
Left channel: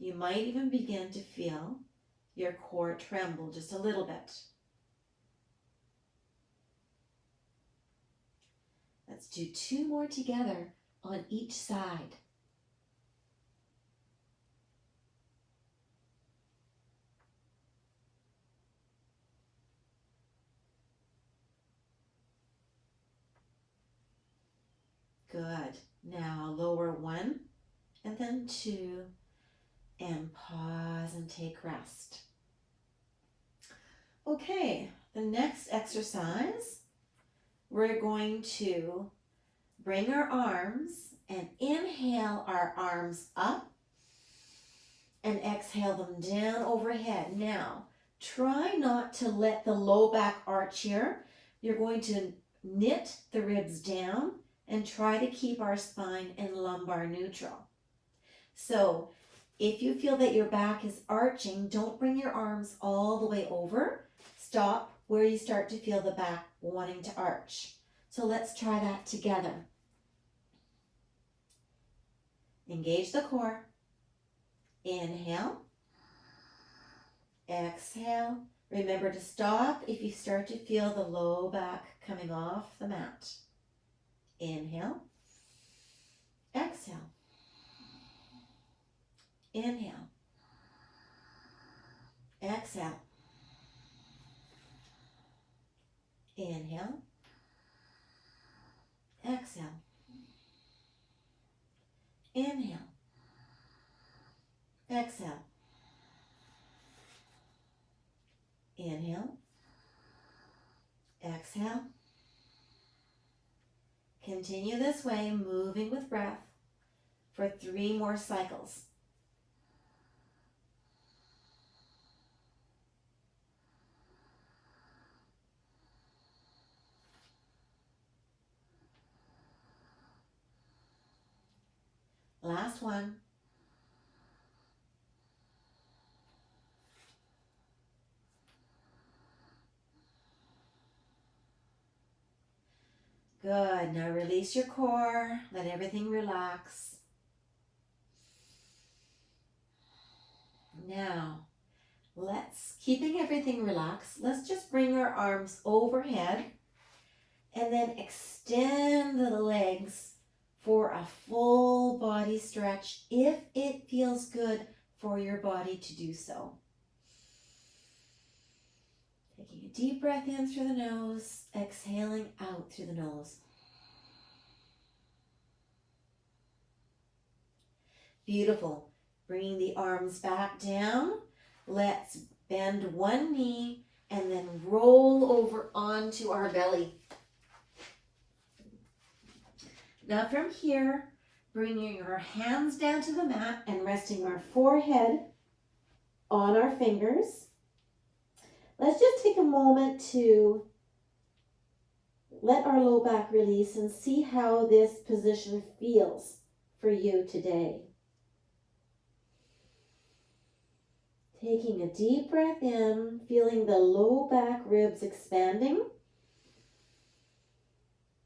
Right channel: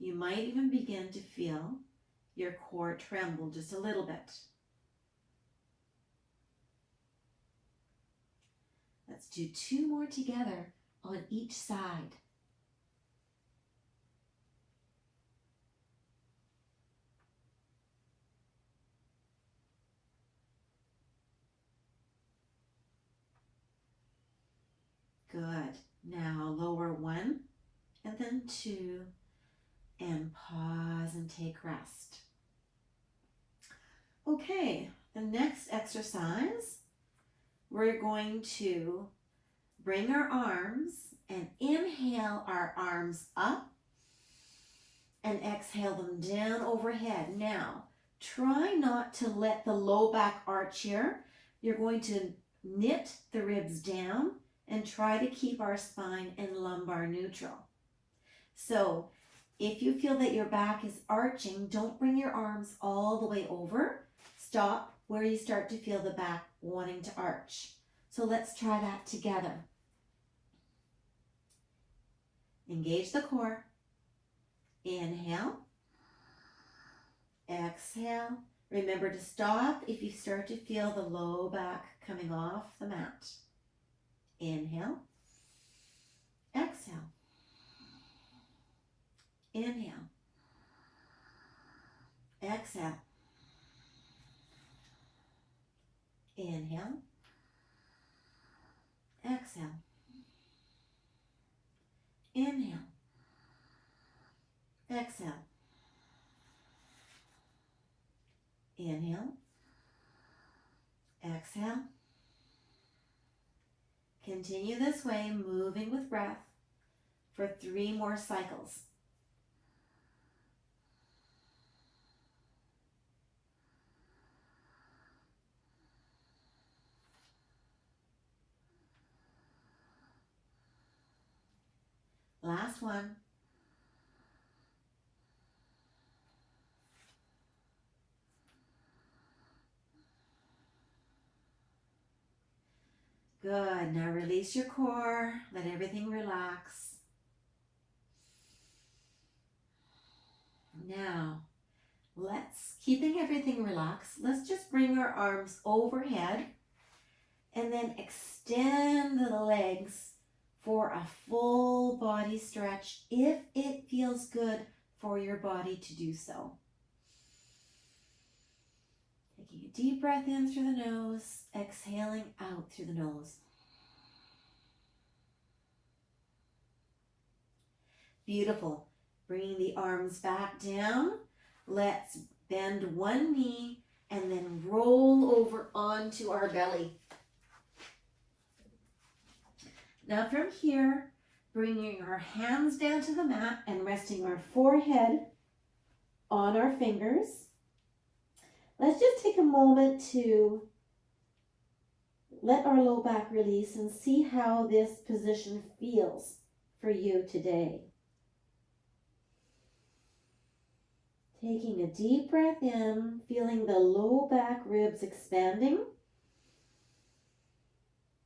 You might even begin to feel your core tremble just a little bit. Let's do 2 more together on each side. Good. Now lower 1 and then 2 and pause and take rest. Okay, the next exercise, we're going to bring our arms and inhale our arms up and exhale them down overhead. Now, try not to let the low back arch here. You're going to knit the ribs down and try to keep our spine and lumbar neutral. So, if you feel that your back is arching, don't bring your arms all the way over. Stop where you start to feel the back wanting to arch. So let's try that together. Engage the core. Inhale. Exhale. Remember to stop if you start to feel the low back coming off the mat. Inhale. Exhale. Inhale. Exhale. Inhale. Exhale. Inhale. Exhale. Inhale. Exhale. Continue this way, moving with breath for 3 more cycles. Last one. Good. Now release your core. Let everything relax. Now, keeping everything relaxed, let's just bring our arms overhead and then extend the legs for a full body stretch if it feels good for your body to do so. Taking a deep breath in through the nose, exhaling out through the nose. Beautiful. Bringing the arms back down. Let's bend one knee and then roll over onto our belly. Now from here, bringing our hands down to the mat and resting our forehead on our fingers. Let's just take a moment to let our low back release and see how this position feels for you today. Taking a deep breath in, feeling the low back ribs expanding.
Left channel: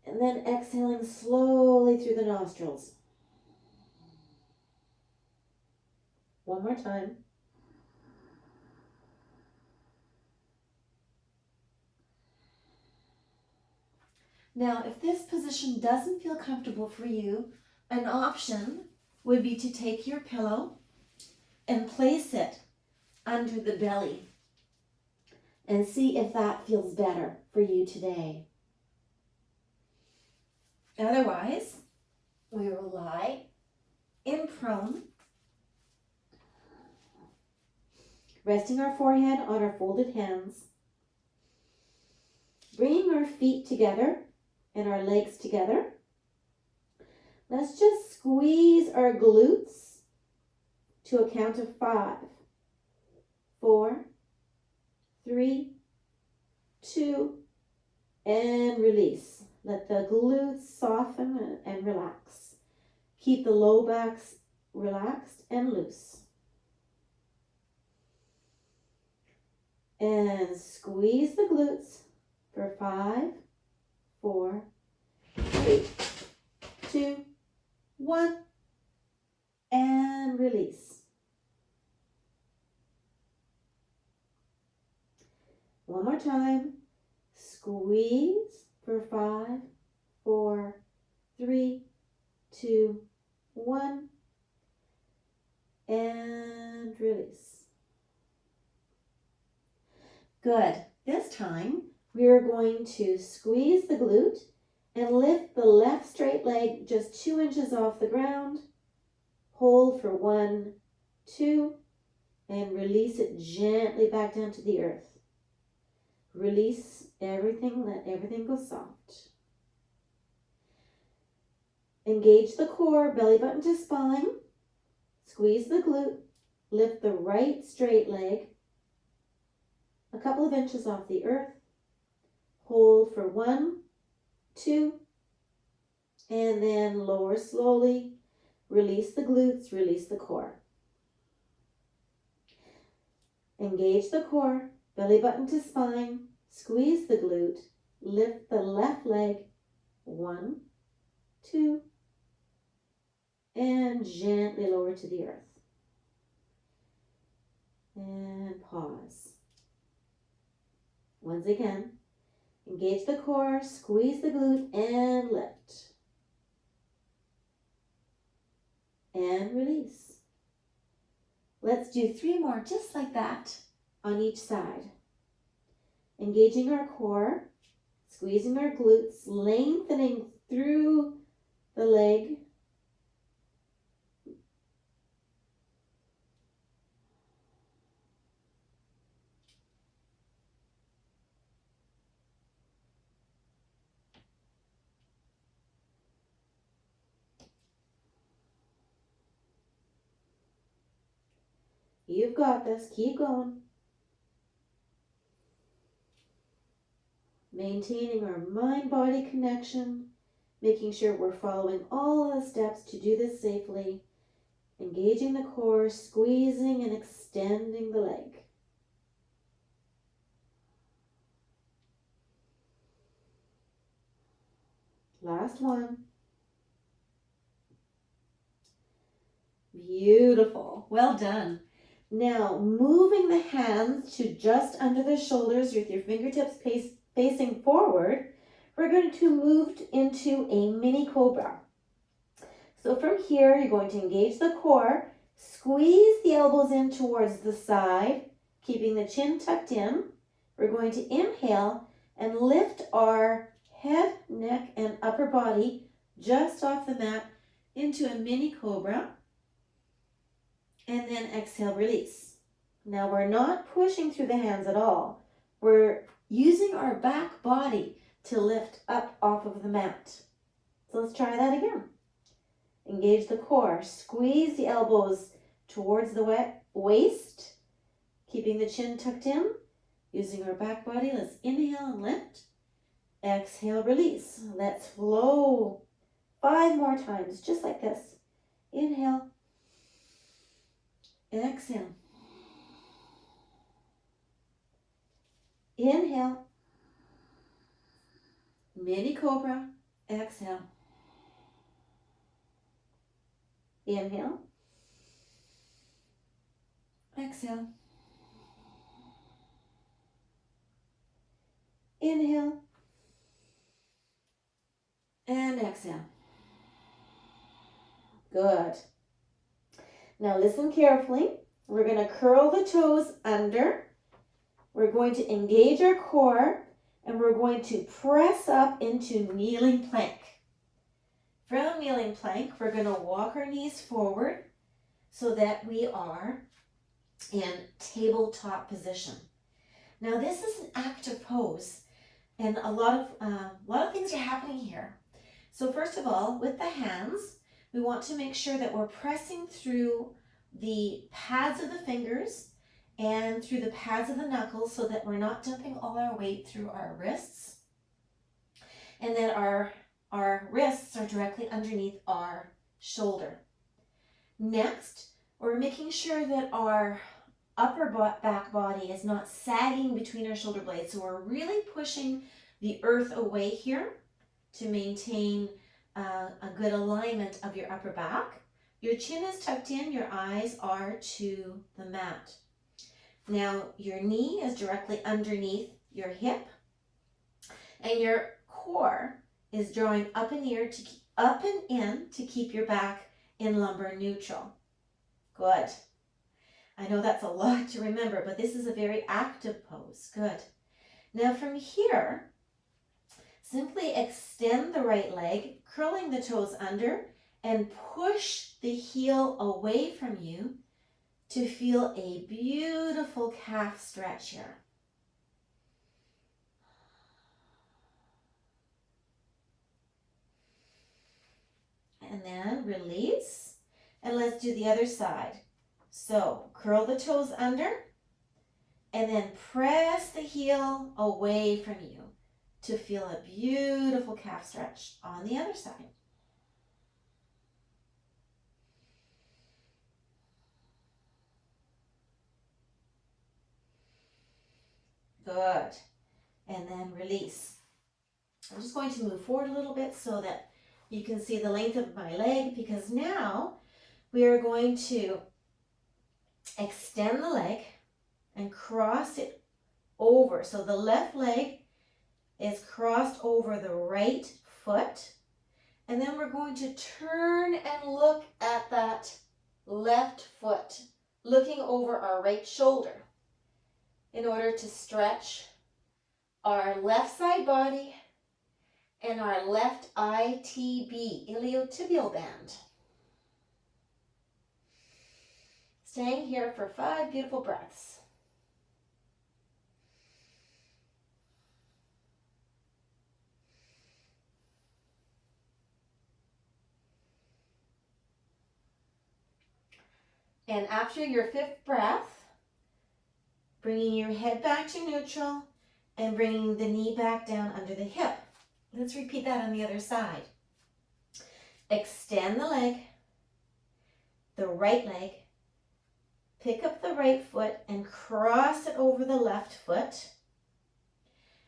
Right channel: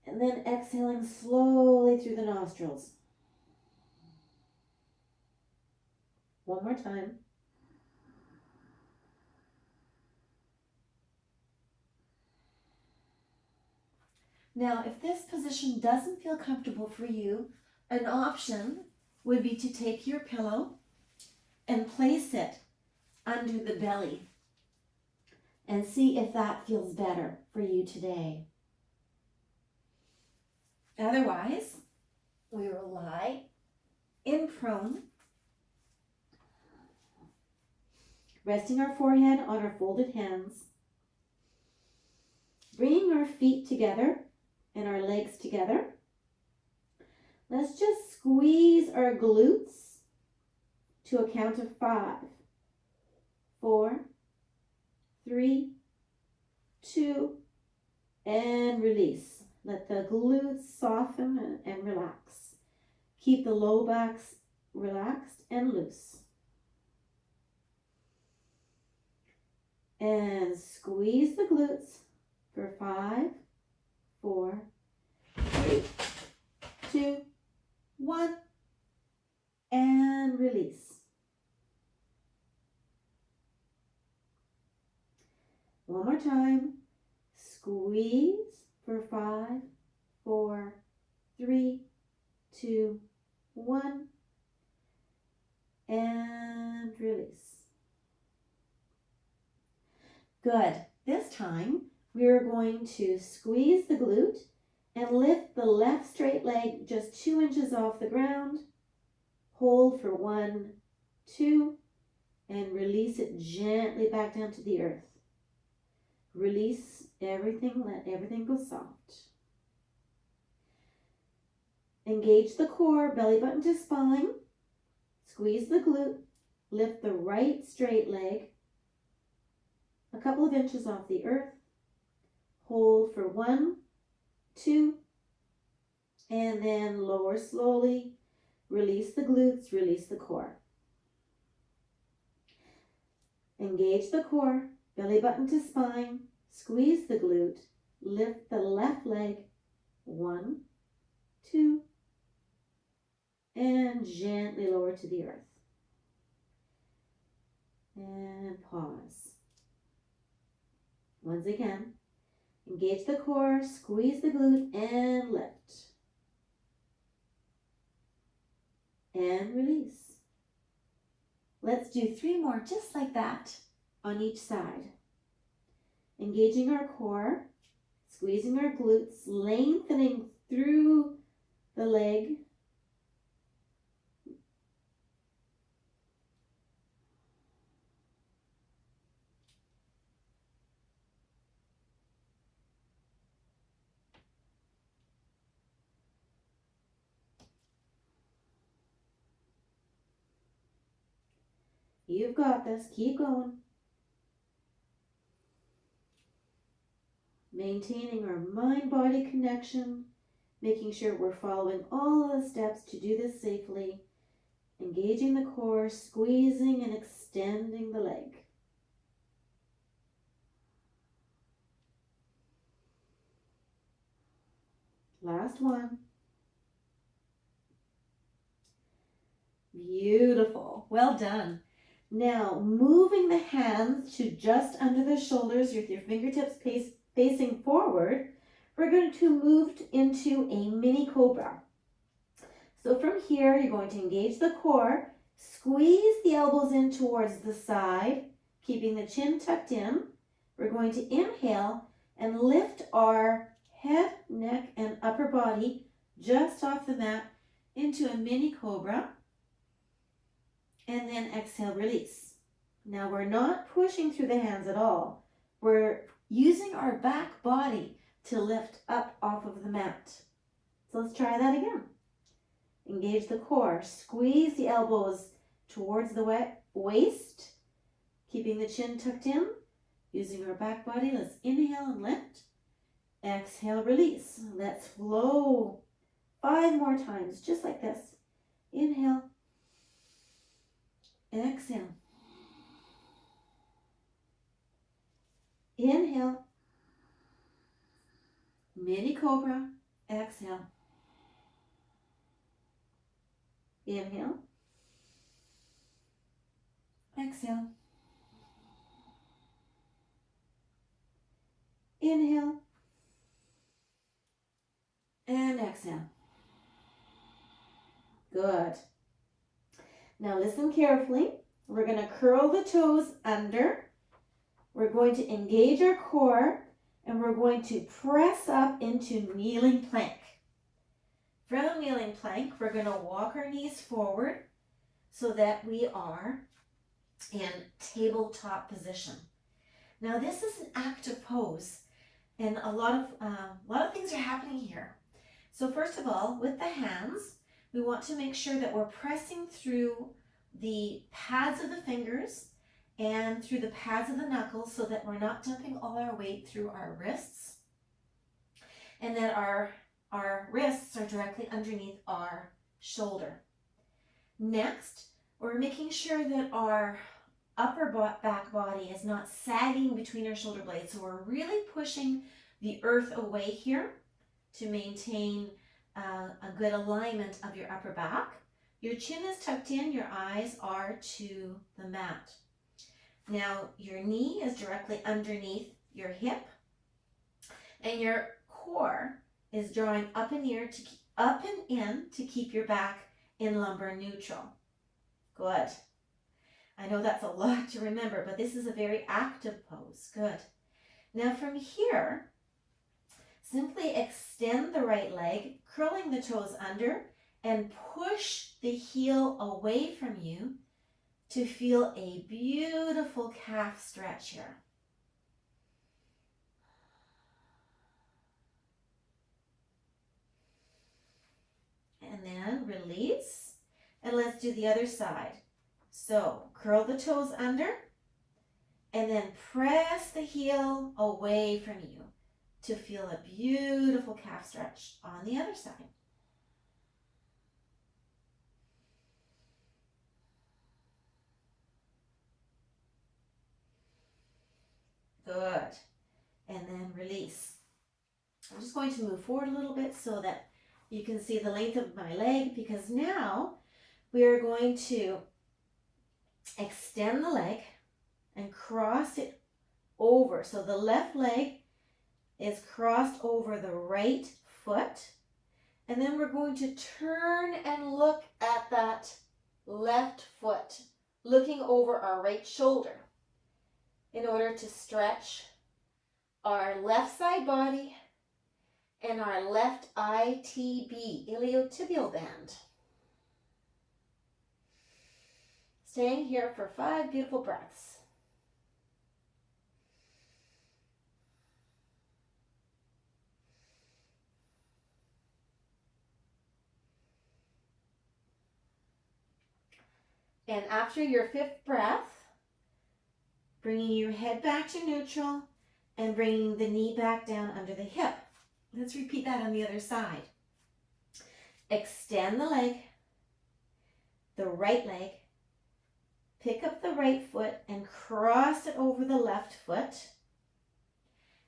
And then exhaling slowly through the nostrils. One more time. Now, if this position doesn't feel comfortable for you, an option would be to take your pillow and place it under the belly and see if that feels better for you today. Otherwise, we will lie in prone, resting our forehead on our folded hands, bringing our feet together and our legs together. Let's just squeeze our glutes to a count of 5, 4, 3, 2, and release. Let the glutes soften and relax. Keep the low backs relaxed and loose. And squeeze the glutes for 5, 4, 3, 2, 1, and release. One more time. Squeeze for 5, 4, 3, 2, 1, and release. Good. This time we are going to squeeze the glute and lift the left straight leg just 2 inches off the ground. Hold for 1, 2, and release it gently back down to the earth. Release everything, let everything go soft. Engage the core, belly button to spine. Squeeze the glute, lift the right straight leg a couple of inches off the earth. Hold for 1, 2, and then lower slowly. Release the glutes, release the core. Engage the core, belly button to spine, squeeze the glute, lift the left leg, 1, 2, and gently lower to the earth. And pause. Once again, engage the core, squeeze the glute, and lift. And release. Let's do 3 more just like that on each side. Engaging our core, squeezing our glutes, lengthening through the leg. You've got this. Keep going. Maintaining our mind-body connection, making sure we're following all the steps to do this safely. Engaging the core, squeezing and extending the leg. Last one. Beautiful. Well done. Now, moving the hands to just under the shoulders with your fingertips facing forward, we're going to move into a mini cobra. So from here, you're going to engage the core, squeeze the elbows in towards the side, keeping the chin tucked in. We're going to inhale and lift our head, neck, and upper body just off the mat into a mini cobra. And then exhale, release. Now we're not pushing through the hands at all. We're using our back body to lift up off of the mat. So let's try that again. Engage the core. Squeeze the elbows towards the waist, keeping the chin tucked in. Using our back body, let's inhale and lift. Exhale, release. Let's flow 5 more times, just like this. Inhale. Exhale. Inhale. Mini cobra. Exhale. Inhale. Exhale. Inhale. And exhale. Good. Now listen carefully. We're going to curl the toes under. We're going to engage our core, and we're going to press up into kneeling plank. From kneeling plank, we're going to walk our knees forward so that we are in tabletop position. Now this is an active pose, and a lot of things are happening here. So first of all, with the hands, we want to make sure that we're pressing through the pads of the fingers and through the pads of the knuckles so that we're not dumping all our weight through our wrists, and that our wrists are directly underneath our shoulder. Next, we're making sure that our upper back body is not sagging between our shoulder blades. So we're really pushing the earth away here to maintain a good alignment of your upper back. Your chin is tucked in, your eyes are to the mat. Now your knee is directly underneath your hip, and your core is drawing up and in to keep your back in lumbar neutral. Good. I know that's a lot to remember, but this is a very active pose. Good. Now from here, simply extend the right leg, curling the toes under, and push the heel away from you to feel a beautiful calf stretch here. And then release, and let's do the other side. So curl the toes under, and then press the heel away from you to feel a beautiful calf stretch on the other side. Good. And then release. I'm just going to move forward a little bit so that you can see the length of my leg, because now we are going to extend the leg and cross it over. So the left leg is crossed over the right foot. And then we're going to turn and look at that left foot, looking over our right shoulder in order to stretch our left side body and our left ITB, iliotibial band. Staying here for 5 beautiful breaths. And after your 5th breath, bringing your head back to neutral and bringing the knee back down under the hip. Let's repeat that on the other side. Extend the leg, the right leg, pick up the right foot and cross it over the left foot,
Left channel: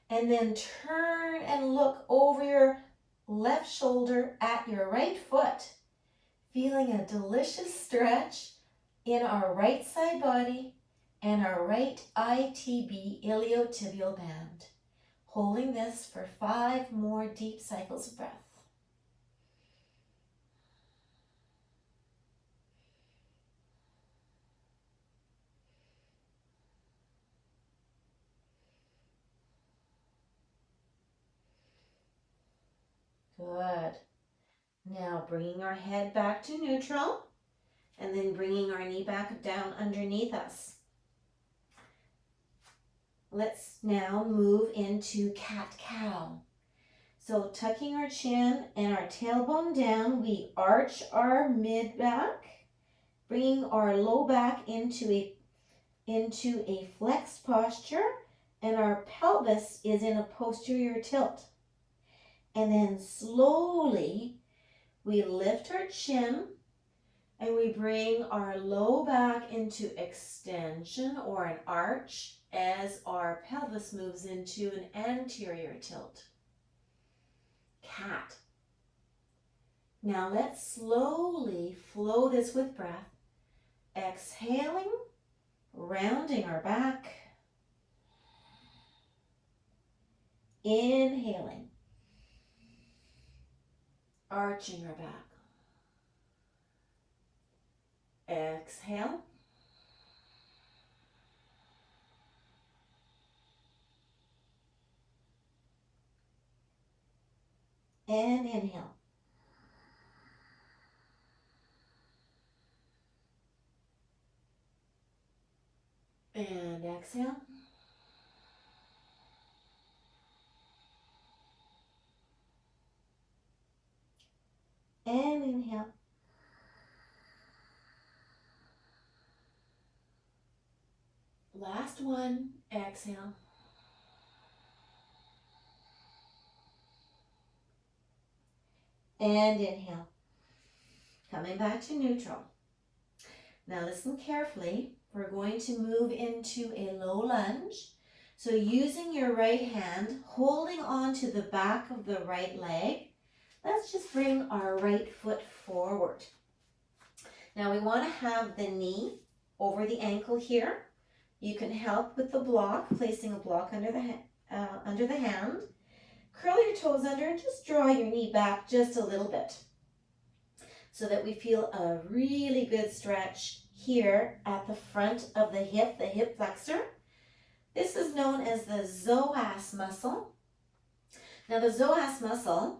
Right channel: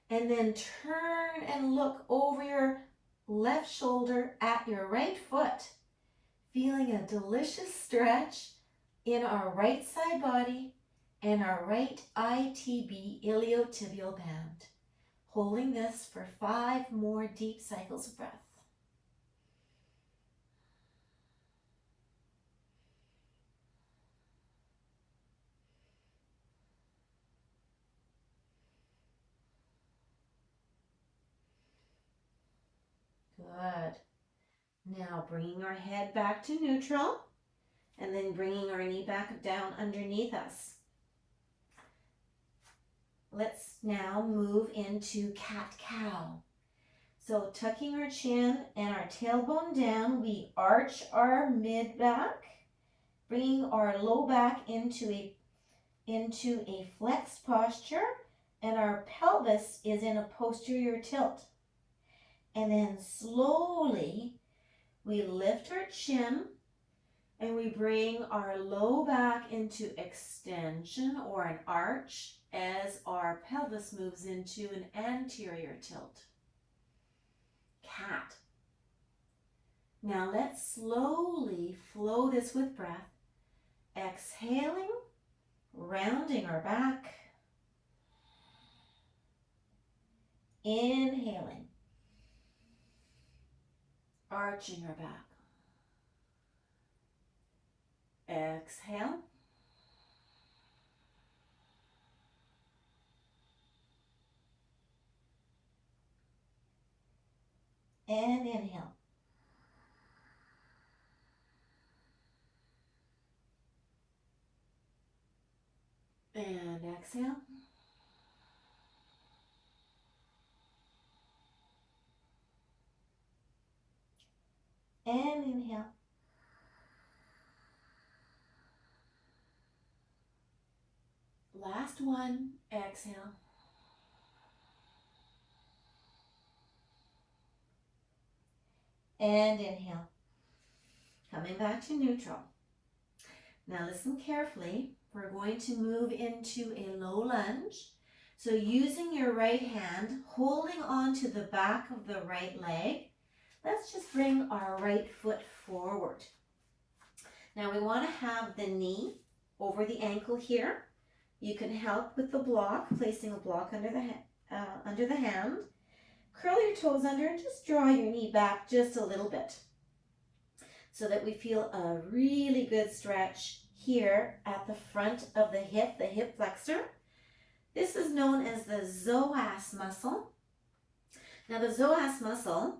and then turn and look over your left shoulder at your right foot, feeling a delicious stretch in our right side body and our right ITB, iliotibial band. Holding this for 5 more deep cycles of breath. Good. Now bringing our head back to neutral and then bringing our knee back down underneath us. Let's now move into cat-cow. So tucking our chin and our tailbone down, we arch our mid-back, bringing our low back into a flexed posture, and our pelvis is in a posterior tilt. And then slowly we lift our chin and we bring our low back into extension or an arch as our pelvis moves into an anterior tilt. Cat. Now let's slowly flow this with breath. Exhaling, rounding our back. Inhaling, arching our back. Exhale. And inhale. And exhale. And inhale. Last one, exhale. And inhale. Coming back to neutral. Now listen carefully. We're going to move into a low lunge. So using your right hand, holding on to the back of the right leg, let's just bring our right foot forward. Now we want to have the knee over the ankle here. You can help with the block, placing a block under the hand. Curl your toes under and just draw your knee back just a little bit so that we feel a really good stretch here at the front of the hip flexor. This is known as the psoas muscle. Now the psoas muscle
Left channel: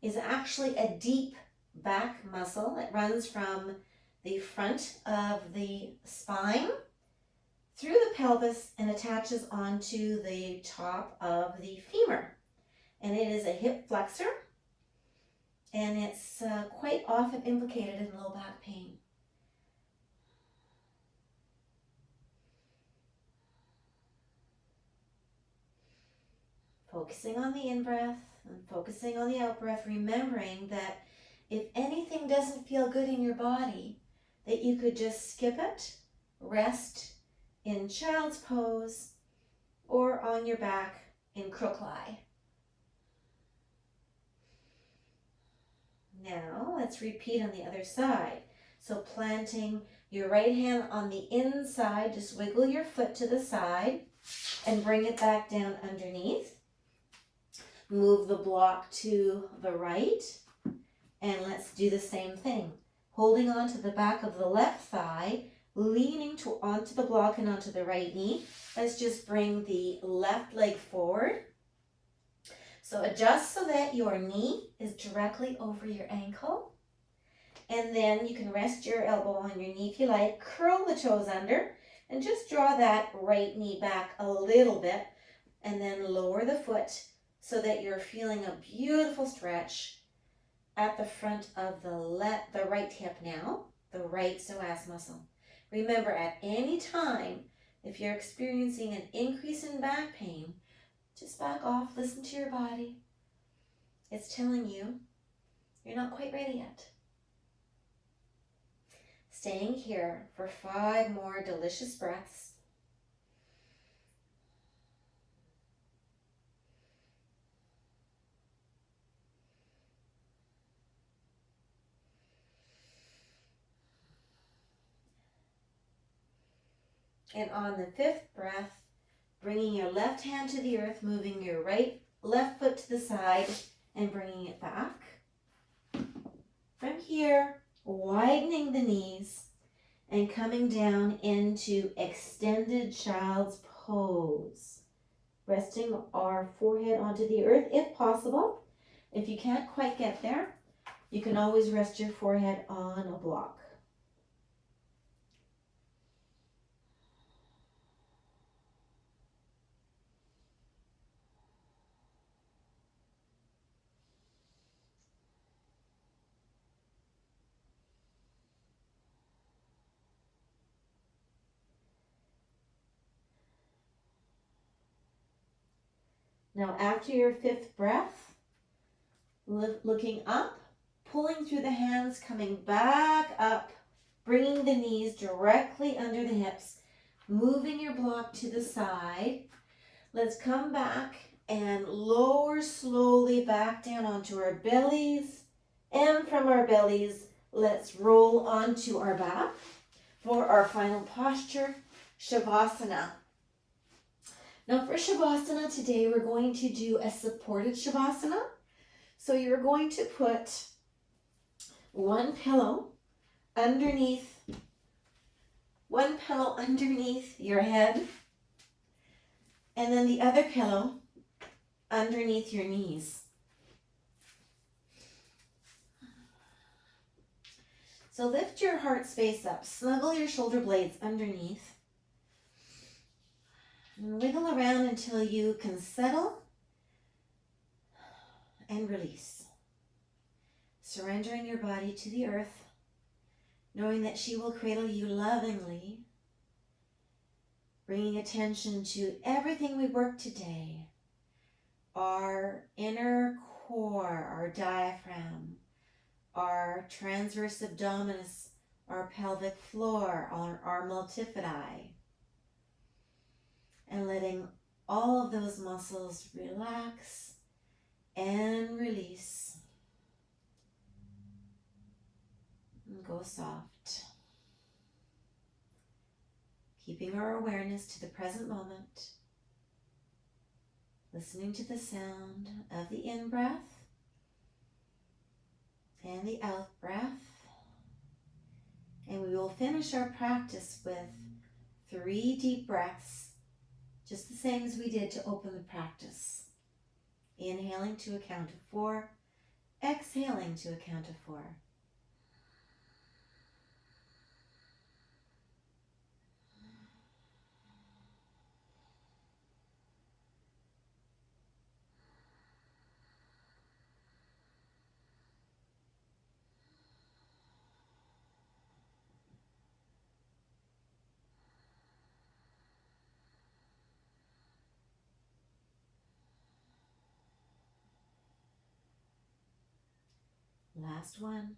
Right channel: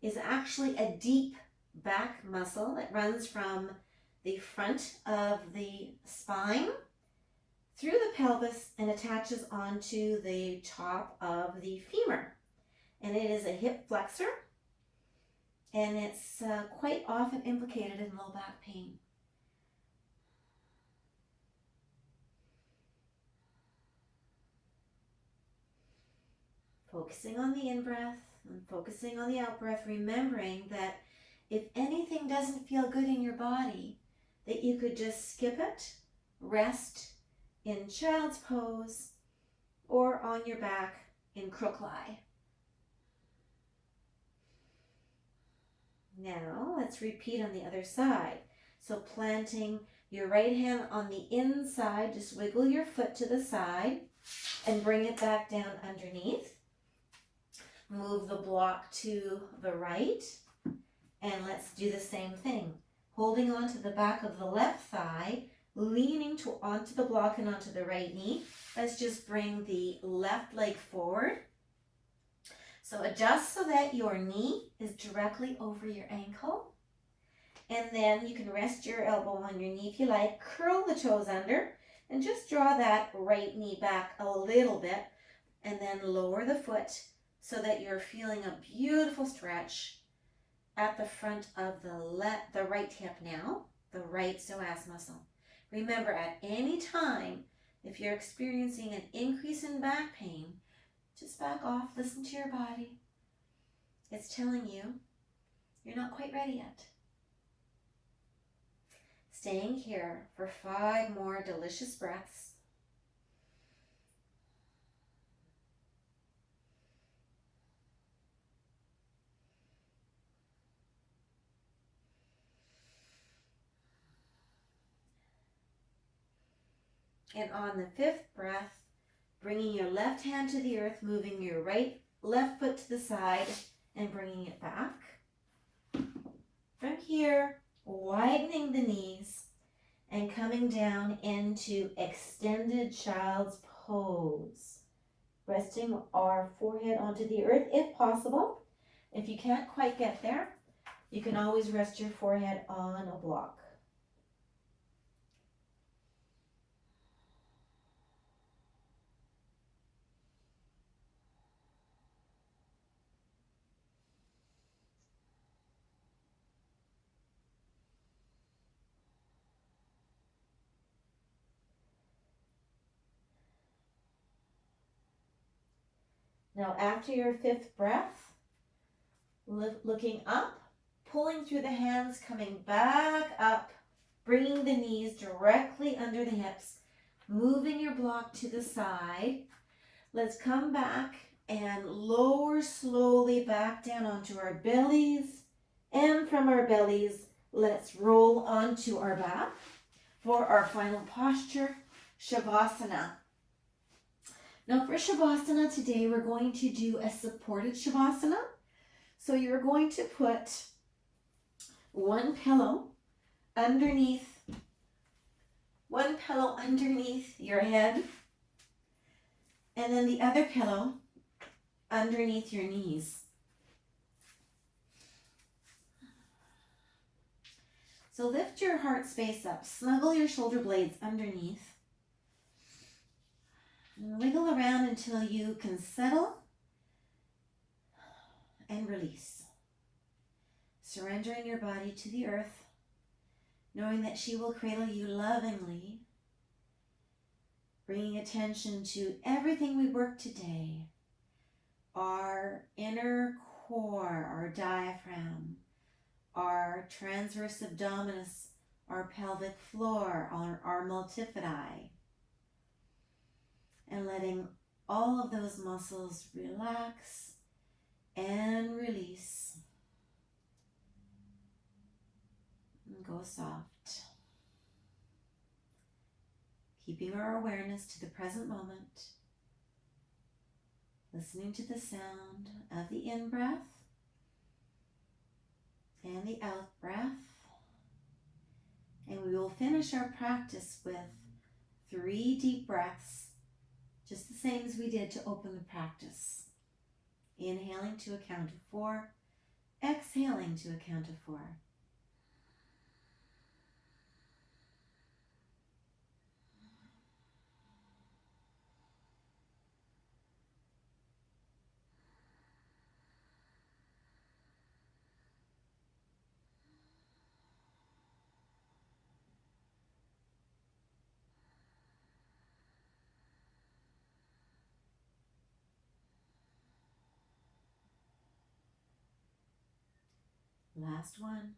is actually a deep back muscle that runs from the front of the spine through the pelvis and attaches onto the top of the femur. And it is a hip flexor, and it's quite often implicated in low back pain. Focusing on the in-breath and focusing on the out-breath, remembering that if anything doesn't feel good in your body, that you could just skip it, rest in child's pose, or on your back in crook lie. Now let's repeat on the other side. So planting your right hand on the inside, just wiggle your foot to the side and bring it back down underneath. Move the block to the right, and let's do the same thing. Holding on to the back of the left thigh, leaning onto the block and onto the right knee. Let's just bring the left leg forward. So adjust so that your knee is directly over your ankle. And then you can rest your elbow on your knee if you like. Curl the toes under and just draw that right knee back a little bit. And then lower the foot so that you're feeling a beautiful stretch at the front of the right hip now, the right psoas muscle. Remember, at any time, if you're experiencing an increase in back pain, just back off, listen to your body. It's telling you you're not quite ready yet. Staying here for 5 more delicious breaths. And on the 5th breath, bringing your left hand to the earth, moving your left foot to the side and bringing it back. From here, widening the knees and coming down into extended child's pose. Resting our forehead onto the earth if possible. If you can't quite get there, you can always rest your forehead on a block. Now after your 5th breath, looking up, pulling through the hands, coming back up, bringing the knees directly under the hips, moving your block to the side. Let's come back and lower slowly back down onto our bellies. And from our bellies, let's roll onto our back for our final posture, Shavasana. Now for Shavasana today, we're going to do a supported Shavasana. So you're going to put one pillow underneath your head, and then the other pillow underneath your knees. So lift your heart space up, snuggle your shoulder blades underneath, and wiggle around until you can settle and release. Surrendering your body to the earth, knowing that she will cradle you lovingly, bringing attention to everything we worked today. Our inner core, our diaphragm, our transverse abdominis, our pelvic floor, our multifidi. And letting all of those muscles relax and release. And go soft. Keeping our awareness to the present moment. Listening to the sound of the in-breath and the out-breath. And we will finish our practice with 3 deep breaths, just the same as we did to open the practice. Inhaling to a count of 4, exhaling to a count of 4. Last one.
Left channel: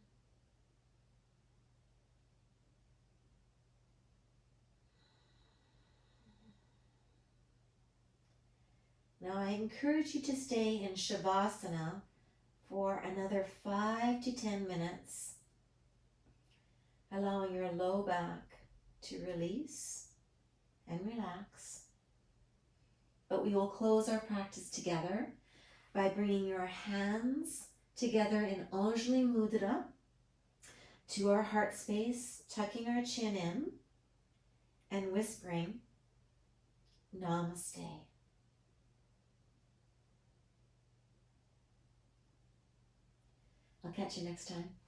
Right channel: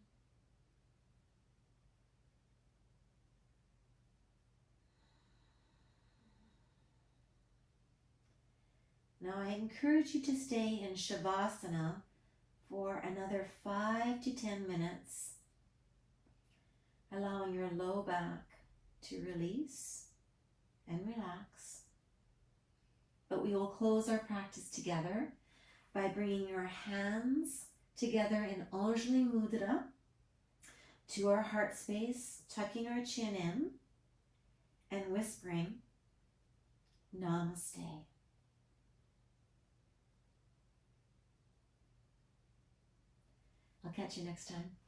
Now I encourage you to stay in Shavasana for another 5 to 10 minutes, allowing your low back to release and relax. But we will close our practice together by bringing your hands together in Anjali Mudra to our heart space, tucking our chin in and whispering Namaste. I'll catch you next time.